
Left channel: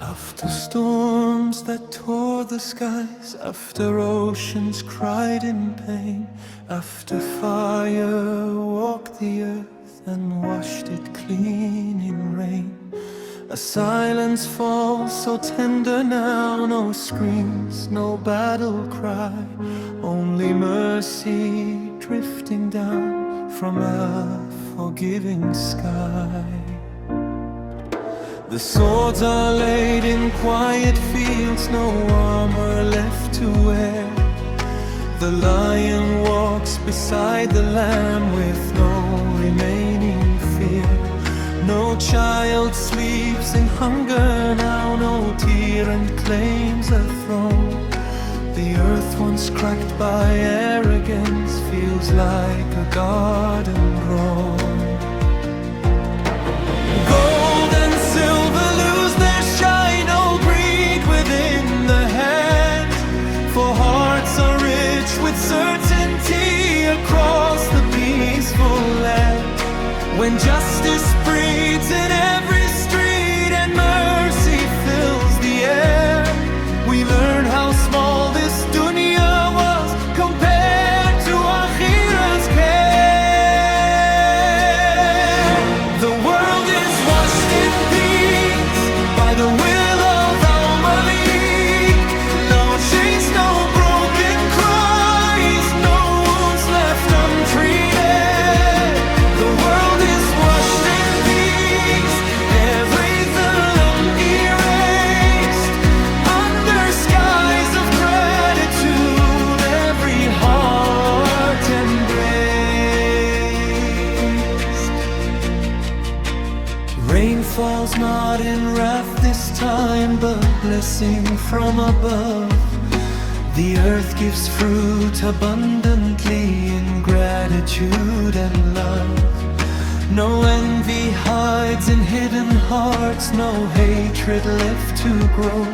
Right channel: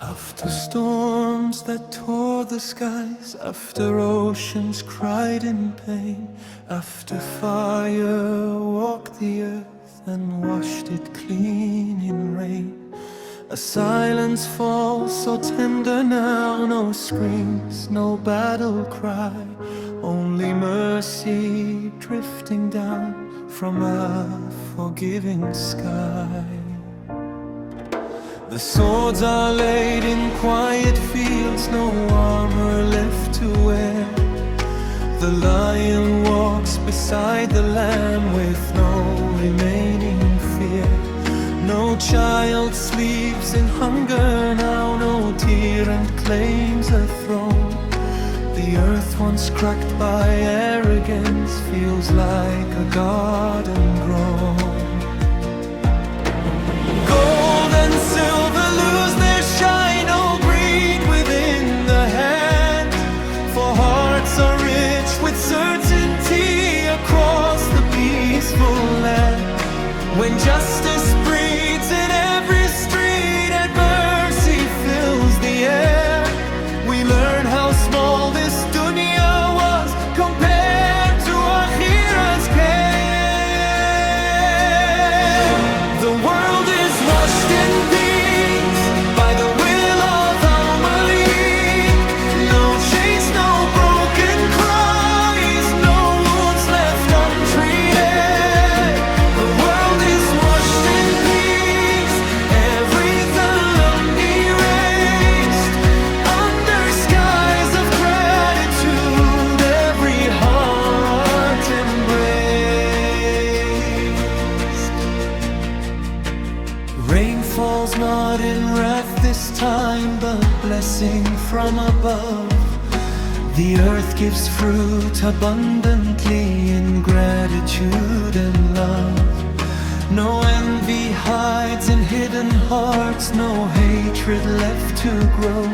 After storms that tore the skies, after oceans cried in pain, after fire walked the earth and washed it clean in rain, a silence falls so tender now, no screams, no battle cry, only mercy drifting down from a forgiving sky. The swords are laid in quiet fields, no armor left to wear. The lion walks beside the lamb with no remaining fear. No child sleeps in hunger now, no tyrant claims a throne. The earth once cracked by arrogance feels like a garden grown. Gold and silver lose their shine, no greed within the hand. For hearts are rich with certainty across the peaceful land. When justice breathes in every street and mercy fills the air, we learn how small this dunya was compared to Akhir's care. The world is washed in peace by the will of Al-Malik. No chains, no broken cries, no wounds left untreated. The world is washed in peace, every dhalam erased. Under skies of gratitude, every heart embraced. Rain falls not in wrath this time, but blessing from above. The earth gives fruit abundantly in gratitude and love. No envy hides in hidden hearts, no hatred left to grow.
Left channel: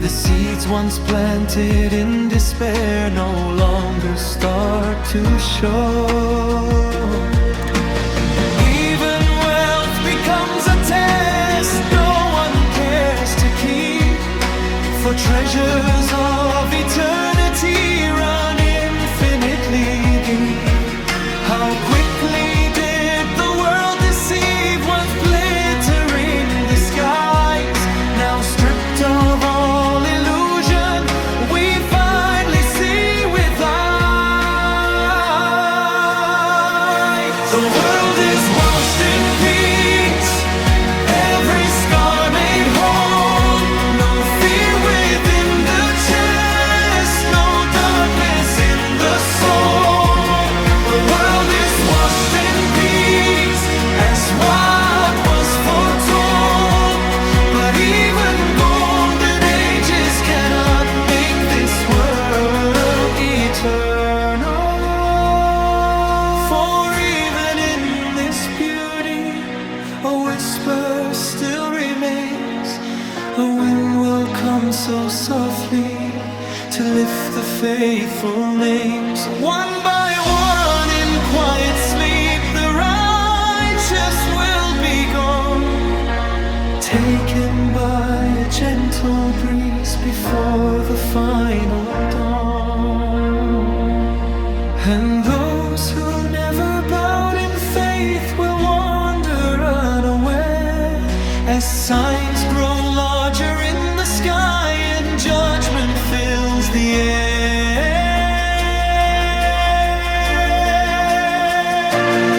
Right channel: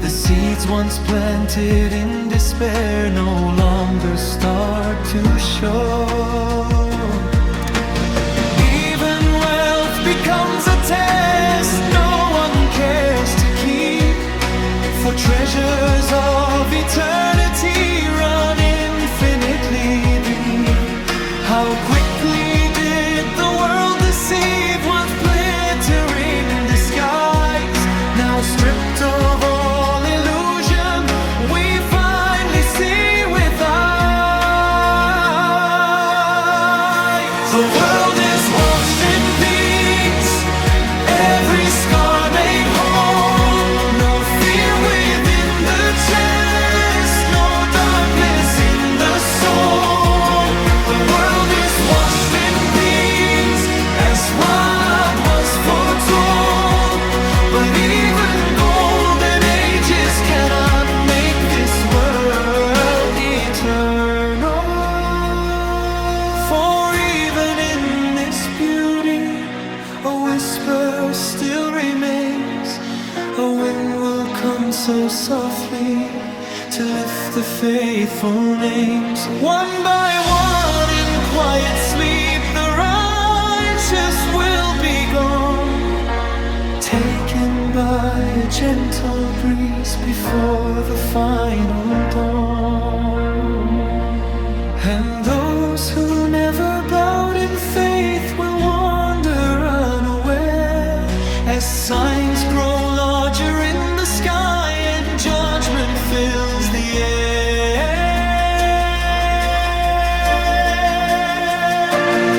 The seeds once planted in despair no longer start to show. Even wealth becomes a test no one cares to keep, for treasures of eternity run infinitely deep. How quickly did the world deceive once glittering disguise. Now stripped of all illusion, we finally see with eyes. The world is washed in peace, every scar made whole. No fear within the chest, no darkness in the soul. The world is washed in peace, as what was foretold. But even golden ages cannot make this world eternal. For even in this beauty, a whisper still remains. A wind will come so softly to lift the faithful names. One by one in quiet sleep, the righteous will be gone, taken by a gentle breeze before the final dawn. And those who never bowed in faith will wander unaware as signs grow large larger in the sky, and judgment fills the air.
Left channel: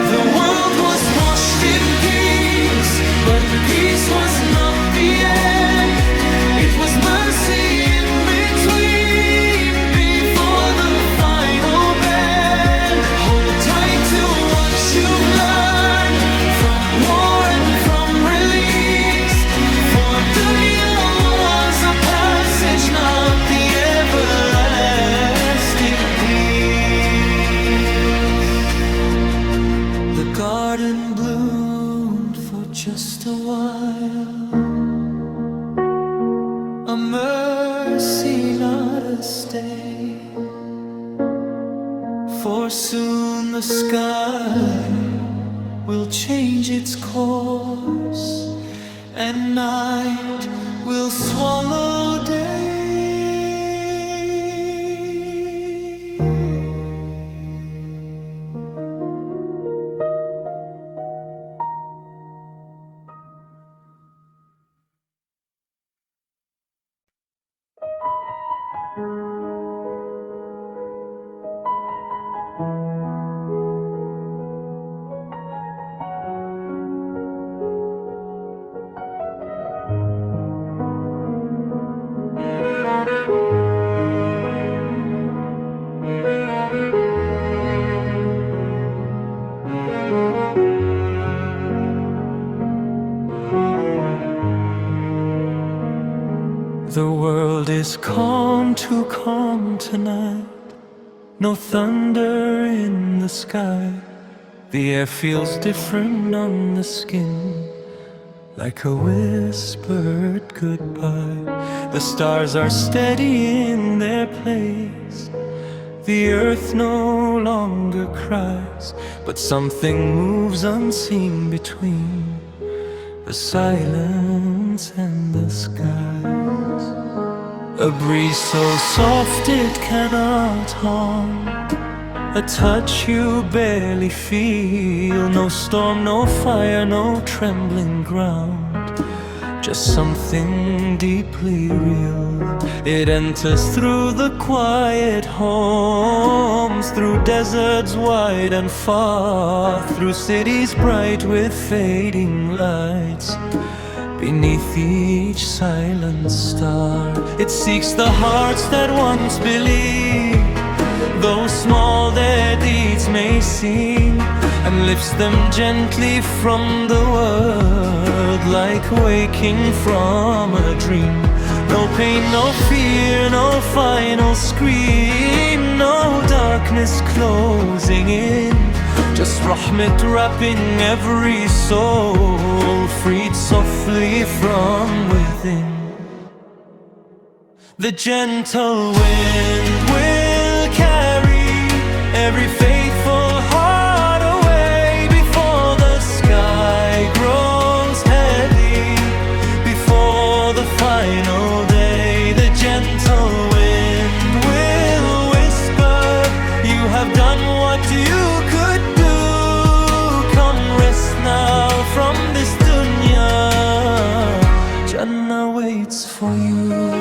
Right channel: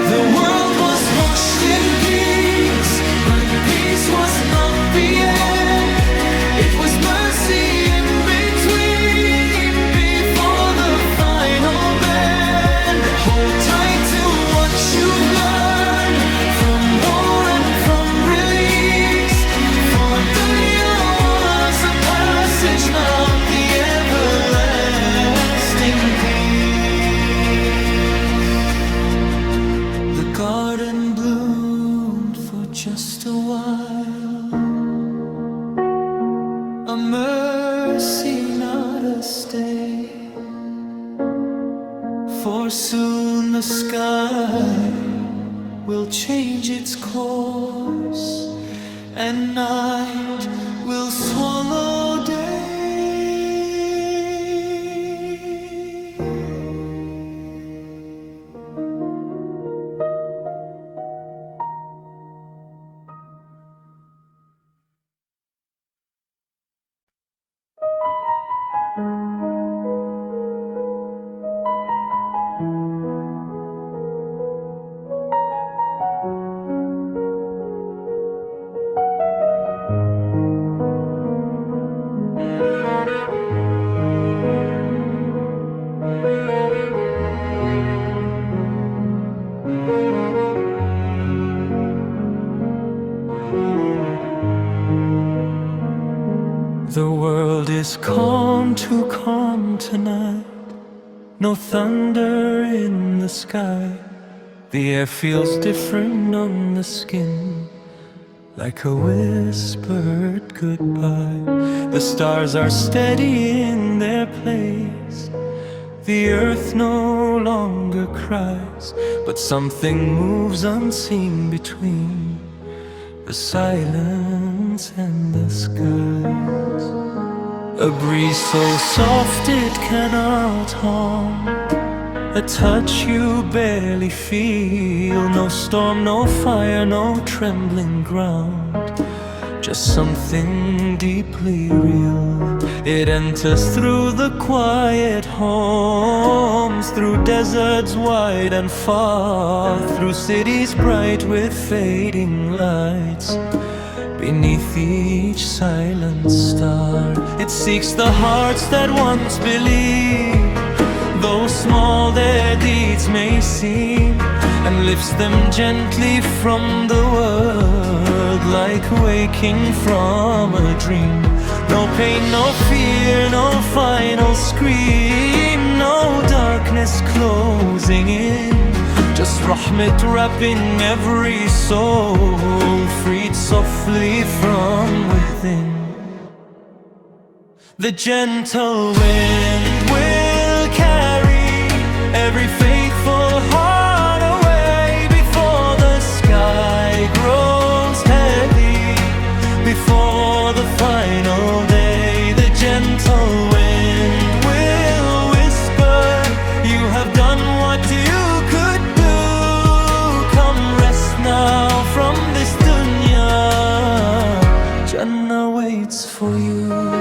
The world was washed in peace, but peace was not the end. It was mercy in between, before the final bend. Hold tight to what you've learned from war and from release, for dunya was a passage, not the everlasting peace. The garden bloomed for just a while, a mercy, not a stay. For soon the sky will change its course, and night will swallow day. The world is calm, too calm tonight. No thunder in the sky. The air feels different on the skin, like a whispered goodbye. The stars are steady in their place. The earth no longer cries, but something moves unseen between the silence and the skies. A breeze so soft it cannot harm, a touch you barely feel. No storm, no fire, no trembling ground, just something deeply real. It enters through the quiet homes, through deserts wide and far, through cities bright with fading lights. Beneath each silent star, it seeks the hearts that once believed, though small their deeds may seem, and lifts them gently from the world, like waking from a dream. No pain, no fear, no final scream, no darkness closing in, just rahmat wrapping every soul, freed softly from within. The gentle wind will carry every faithful heart away, before the sky grows heavy, before the final day. The gentle wind will whisper, you have done what you could do. Come rest now from this dunya, Jannah waits for you.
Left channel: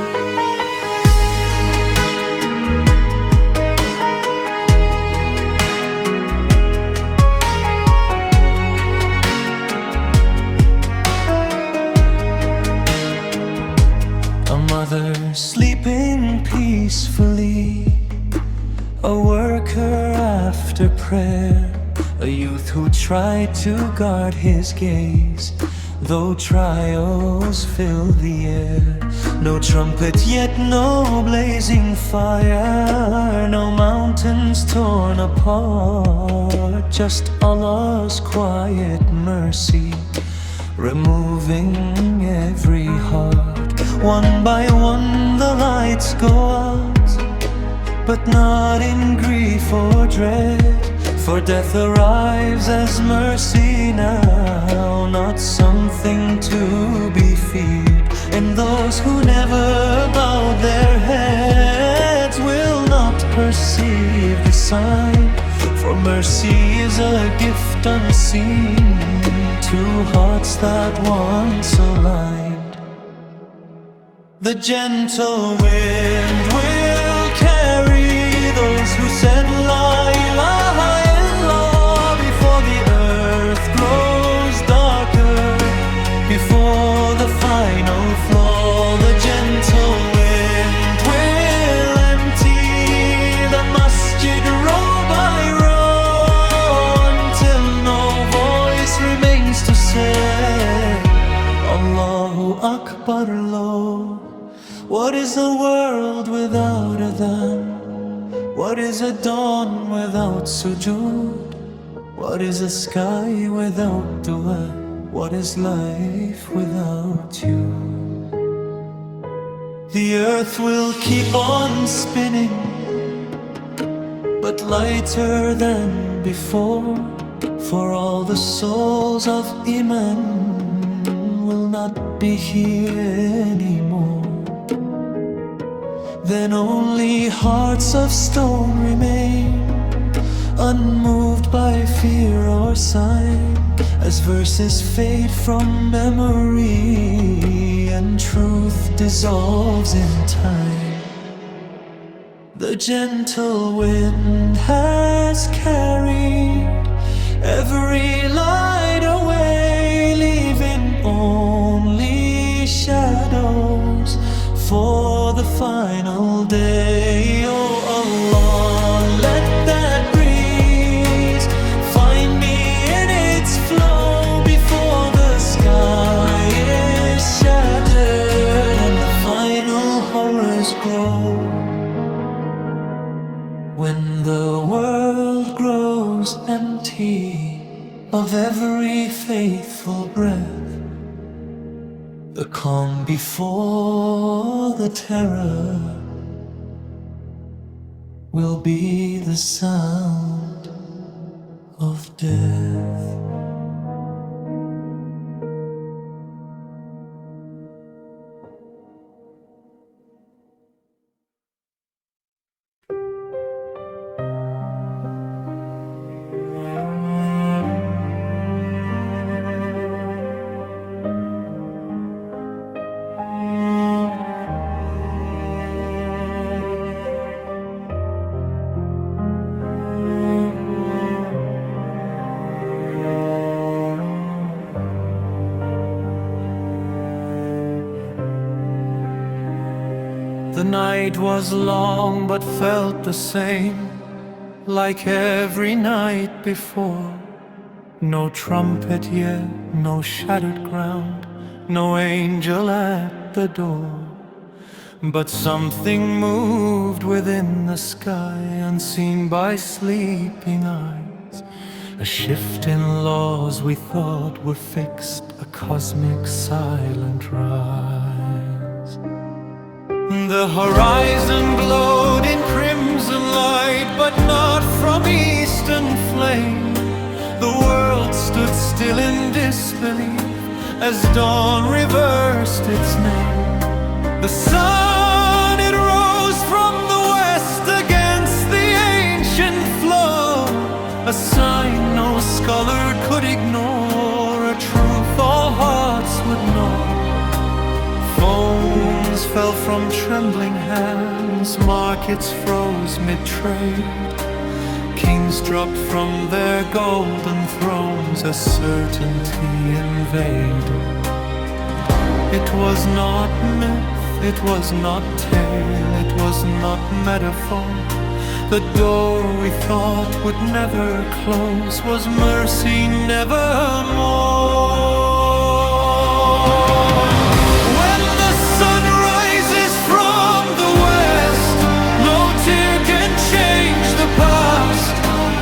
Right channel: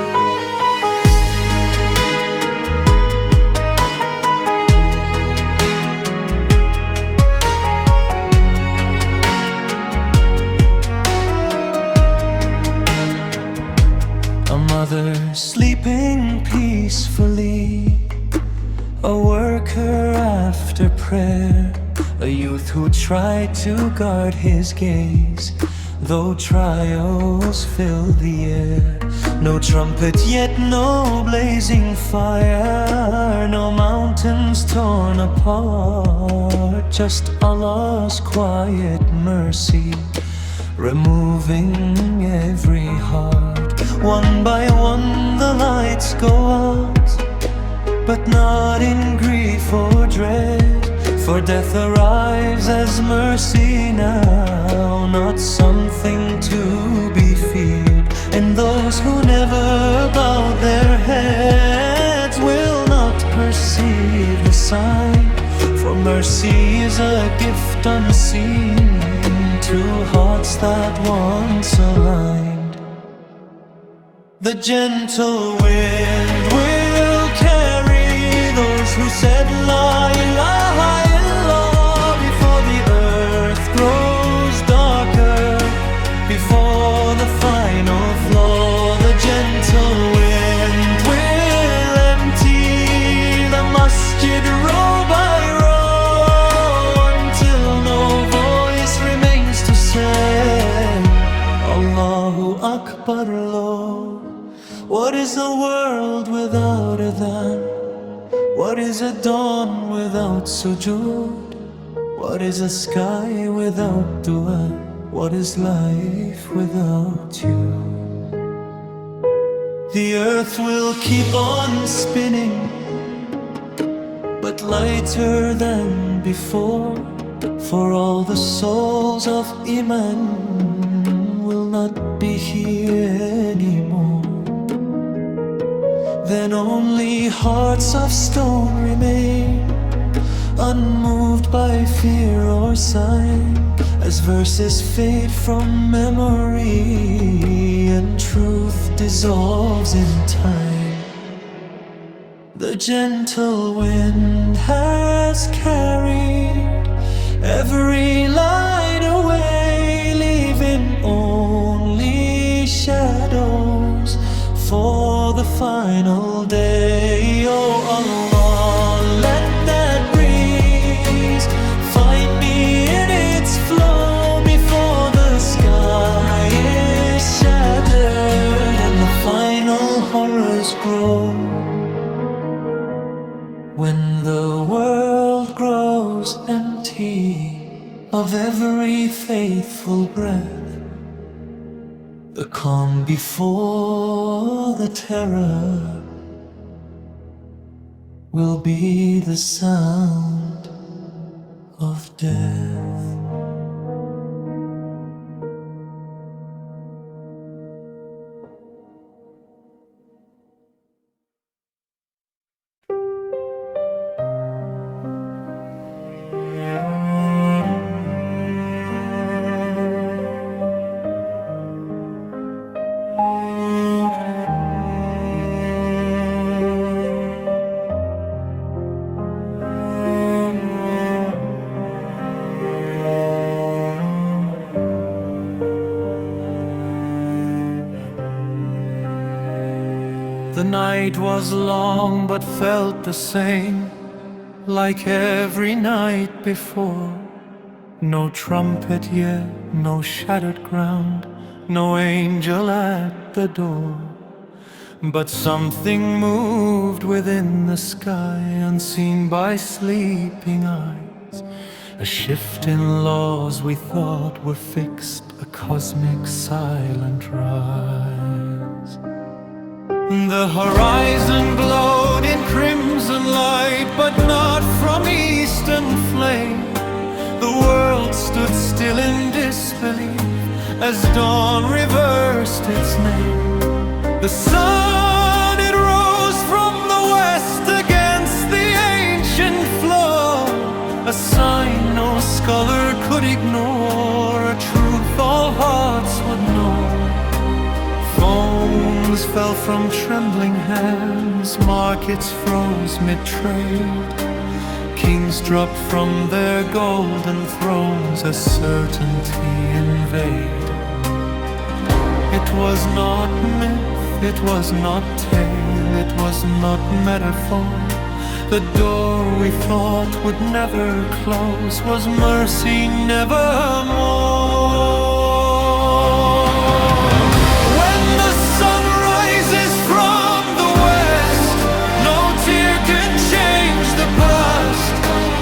A mother sleeping peacefully, a worker after prayer, a youth who tried to guard his gaze, though trials fill the air. No trumpet yet, no blazing fire, no mountains torn apart, just Allah's quiet mercy, removing every heart. One by one the lights go out, but not in grief or dread, for death arrives as mercy now, not something to be feared. And those who never bowed their heads will not perceive the sign, for mercy is a gift unseen to hearts that once aligned. The gentle wind will carry those who said La ilaha illallah before the earth grows darker, before the final flaw. The gentle wind will empty the masjid row by row until no voice remains to say Allahu Akbar low. What is a world without adhan? What is a dawn without sujood? What is a sky without dua? What is life without you? The earth will keep on spinning, but lighter than before, for all the souls of iman will not be here anymore. Then only hearts of stone remain, unmoved by fear or sign, as verses fade from memory and truth dissolves in time. The gentle wind has carried every light away, leaving only shadows for the final day. Oh Allah, let that breeze find me in its flow before the sky is shattered and the final horrors grow. When the world grows empty of every faithful breath, the calm before the terror will be the sound of death. The night was long but felt the same, like every night before. No trumpet yet, no shattered ground, no angel at the door. But something moved within the sky, unseen by sleeping eyes. A shift in laws we thought were fixed, a cosmic silent rise. The horizon glowed in crimson light, but not from eastern flame. The world stood still in disbelief as dawn reversed its name. The sun, it rose from the west against the ancient flow, a sign no scholar could ignore, a truth all hearts would know. Phones fell from trembling hands, markets froze mid-trade, kings dropped from their golden thrones as certainty invaded. It was not myth, it was not tale, it was not metaphor. The door we thought would never close was mercy nevermore. When the sun rises from the west, no tear can change the past.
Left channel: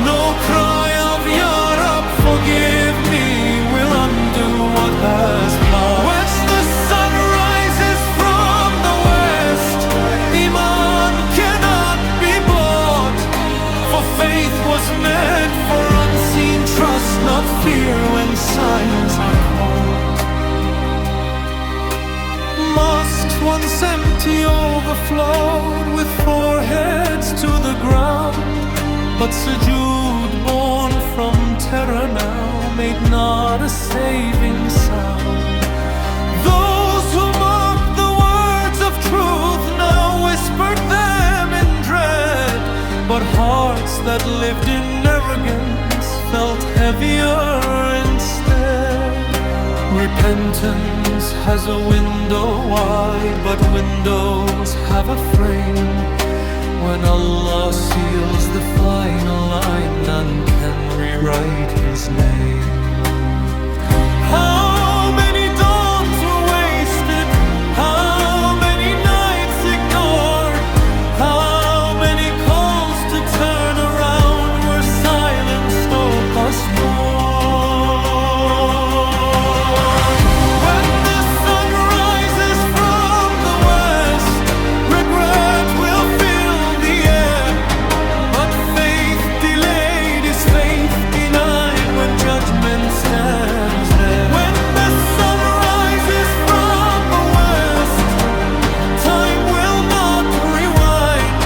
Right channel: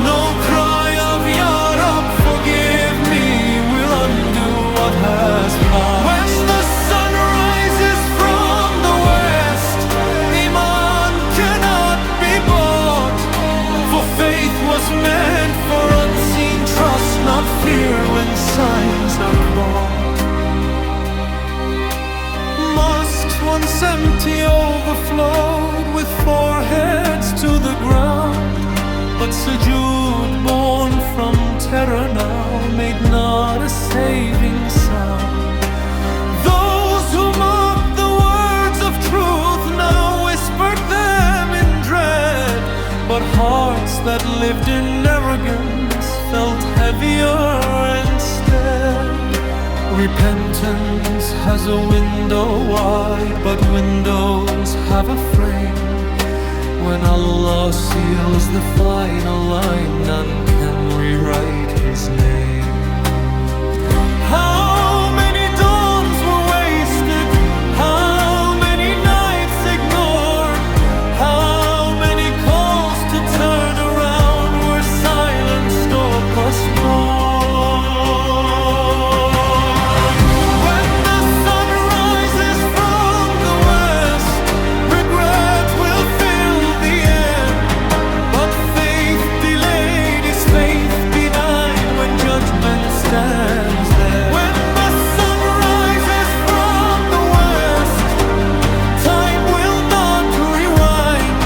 No cry of Ya Rab, forgive me, will undo what has passed. When the sun rises from the west, iman cannot be bought, for faith was meant for unseen trust, not fear when signs are caught. Mosques once empty overflowed with foreheads to the ground, but sujood born from terror now made not a saving sound. Those who mocked the words of truth now whispered them in dread, but hearts that lived in arrogance felt heavier instead. Repentance has a window wide, but windows have a frame. When Allah seals the final line, none can rewrite His name. How many dawns were wasted? How many nights ignored? How many calls to turn around were silenced or postponed? When the sun rises from the west, regret will fill the air, but faith delayed is faith denied when judgment stands there. When the sun rises from the west, time will not rewind,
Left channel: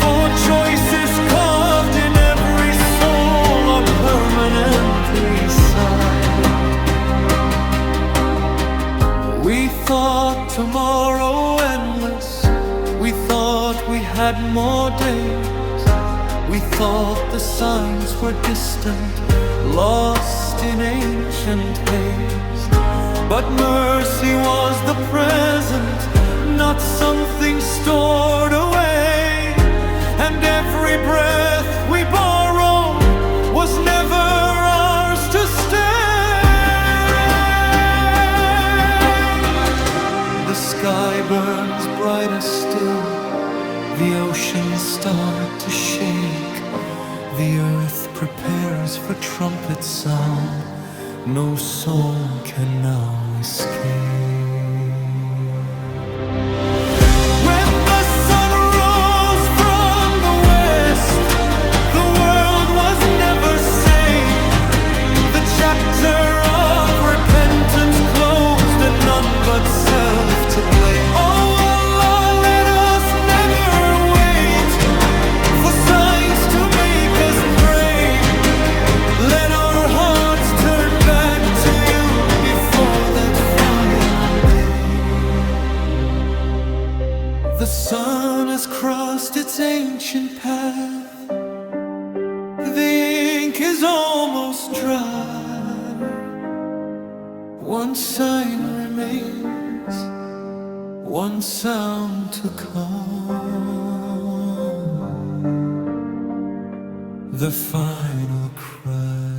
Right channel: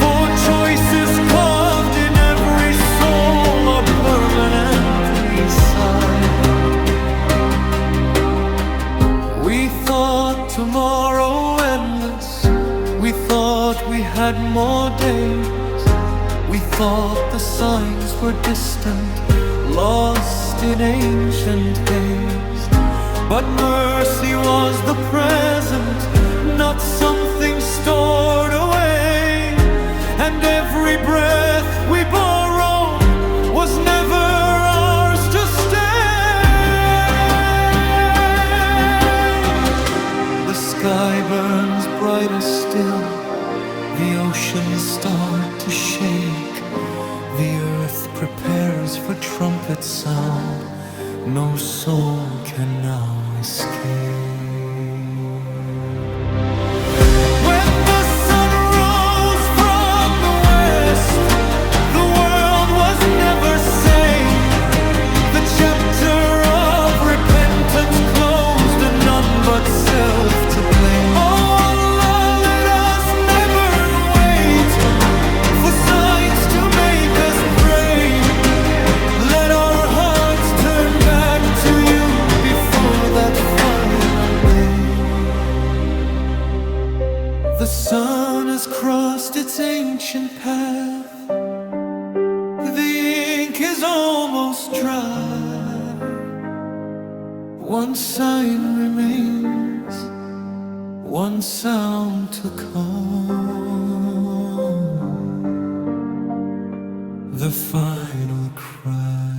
for choices carved in every soul are permanently signed. We thought tomorrow endless, we thought we had more days. We thought the signs were distant, lost in ancient haze. But mercy was the present, not something stored away. And every breath we borrowed was never ours to stay. The sky burns brighter still, the oceans start to shake, the earth prepares for trumpet sound, no soul can now escape. When the sun rose from the west, the world was never sane. The chapter of repentance closed and none but self to blame. Oh Allah, let us never wait for signs to make us pray. Let our hearts turn back to you before that final day. The sun has crossed its ancient path, the ink is almost dry. One sign remains, one sound to come, the final cry.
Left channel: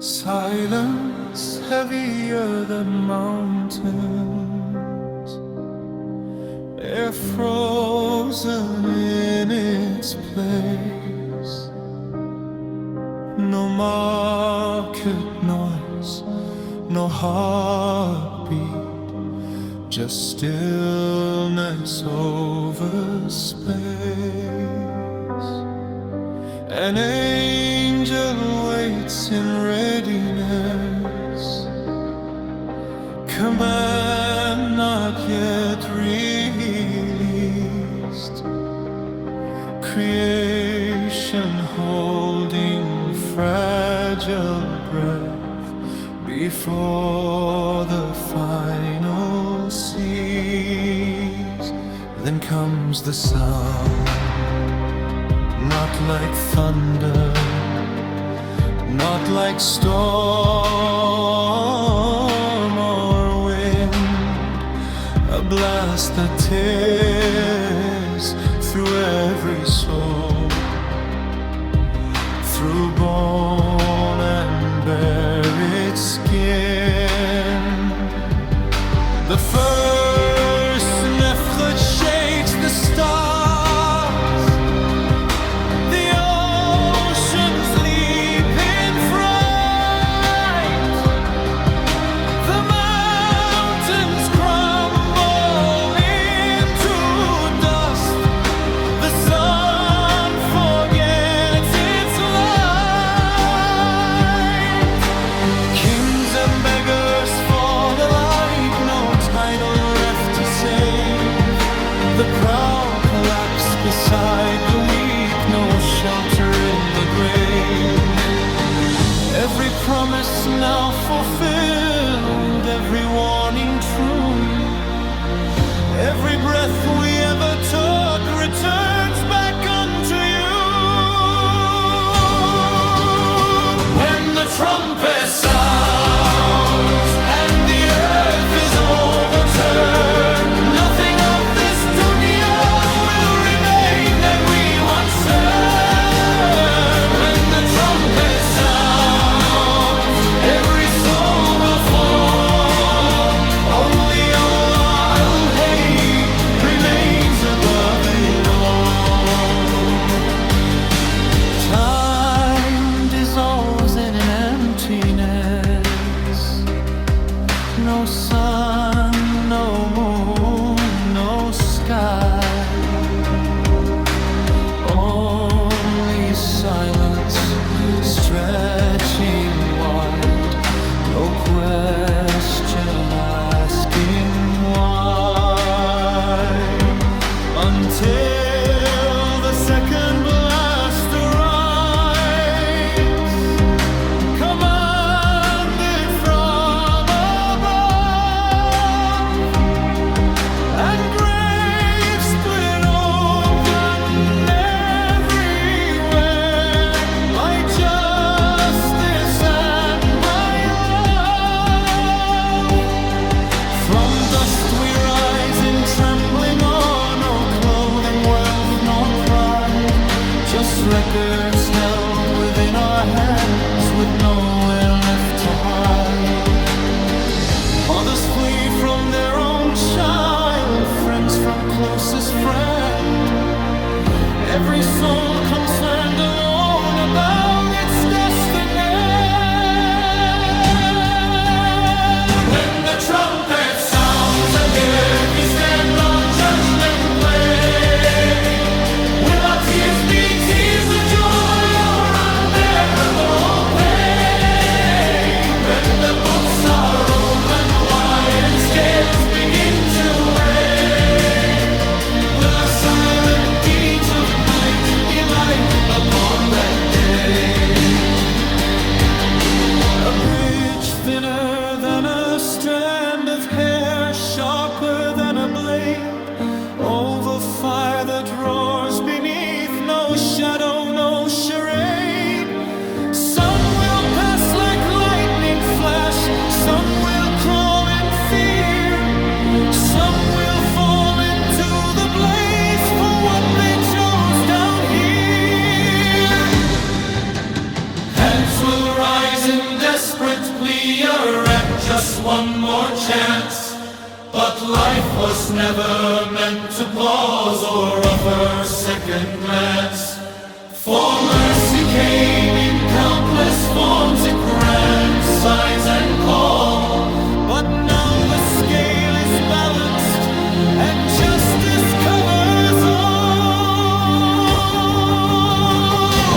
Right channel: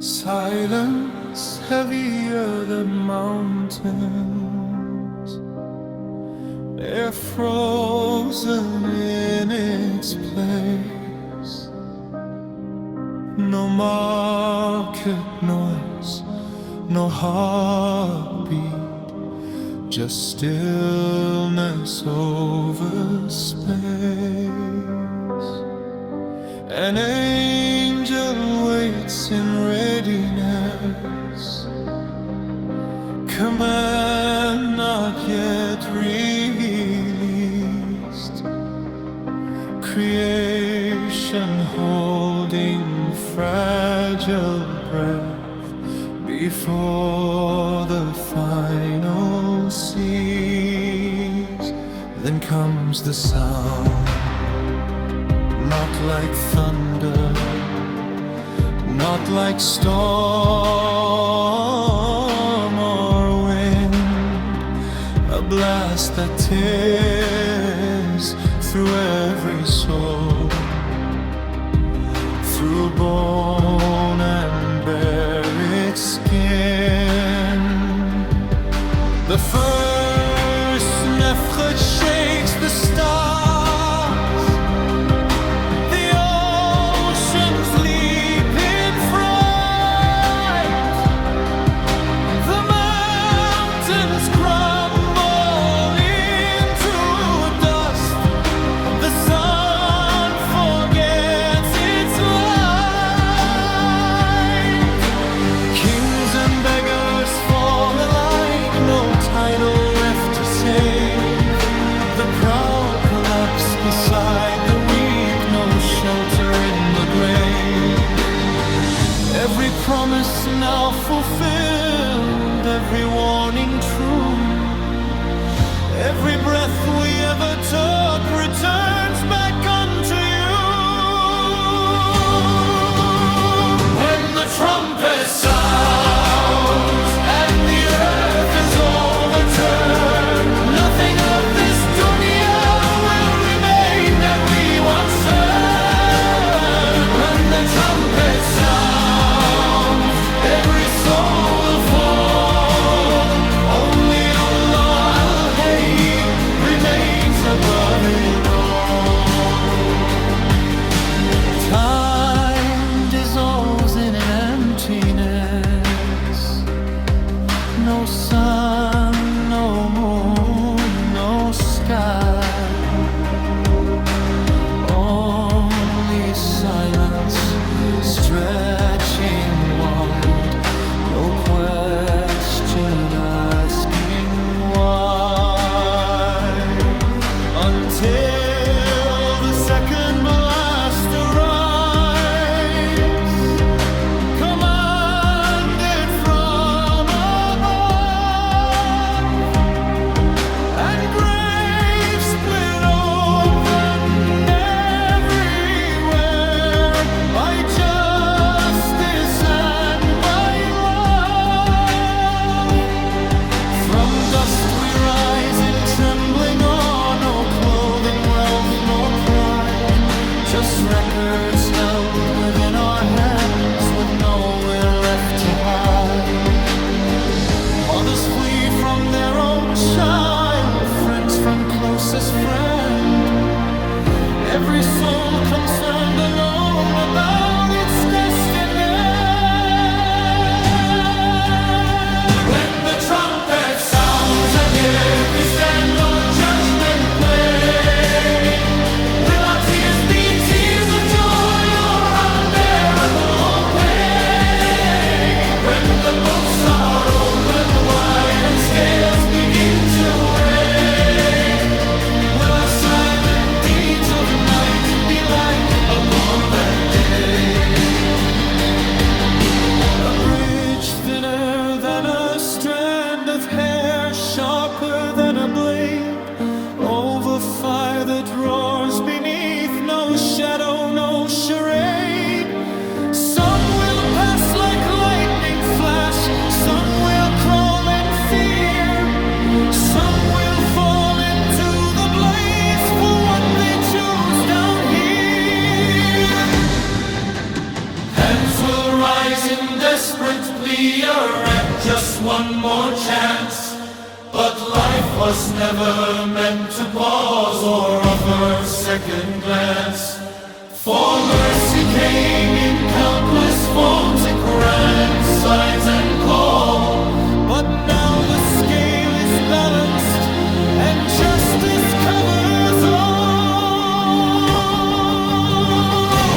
Silence heavier than mountains, air frozen in its place. No market noise, no heartbeat, just stillness over space. An angel waits in readiness, command not yet released. Creation holding fragile breath before the final cease. Then comes the sound, not like thunder, not like storm or wind, a blast that tears through every soul, through bone and buried skin. The first nefchet shakes the stars. steps beside the weak, no shelter in the grave. Every promise now fulfilled, every warning true. Every breath we ever took returns back unto you. When the trumpet sounds and the earth is overturned, nothing of this dunya will remain that we once heard. When the trumpet sounds, every soul will fall. Only Allah al-Hayy remains above it all. Time dissolves in an emptiness. No sun, no moon, no sky. Only silence stretching wide. No question asking why. Until the second blast arrives, commanded from above, and graves split open everywhere by justice and by love. From dust we rise in trembling awe, no clothing, wealth, nor pride, just records held within our hands with nowhere left to hide. Mothers flee from their own child, friends from closest friend. Every soul concerned alone about its destiny. When the trumpet sounds and here we stand on Judgment Day, will our tears be tears of joy or unbearable pain? When the books are opened wide and scales begin to weigh, will our silent deeds of night be light upon that day? A bridge thinner than a strand of hair, sharper than a blade, over fire that roars beneath, no shadow, no charade. Some will pass like lightning flash, some will crawl in fear, some will fall into the blaze for what they chose down here. Hands will rise in desperate plea, at just one more chance. But life was never meant to pause or offer second glance. For mercy came in countless forms, in Quran, signs and call. But now the scale is balanced and justice covers all.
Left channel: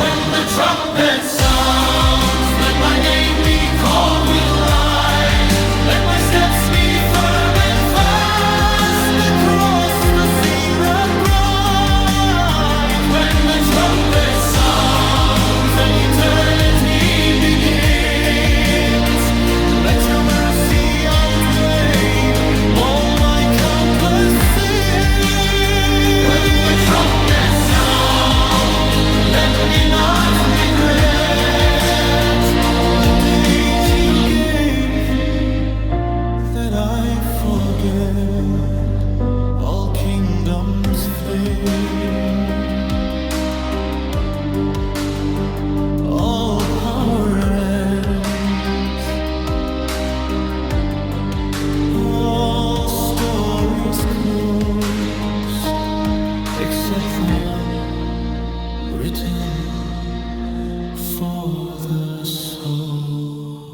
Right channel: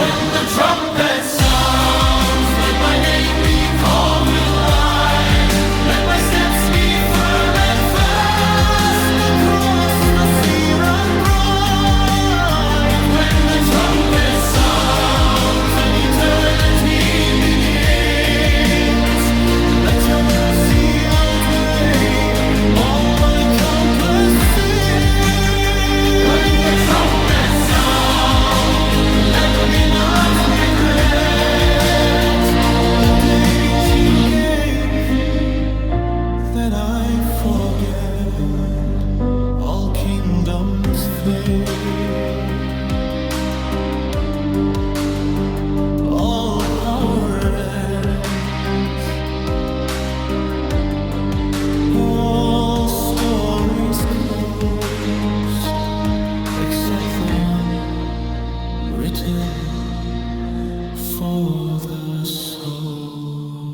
When the trumpet sounds, let my name be called with light. Let my steps be firm and fast across the Sirat bright. When the trumpet sounds and eternity begins, let your mercy outweigh all my countless sins. When the trumpet sounds, let me not regret the days you gave that I forget. All kingdoms fade, all power ends, all stories close, except the one written for the soul.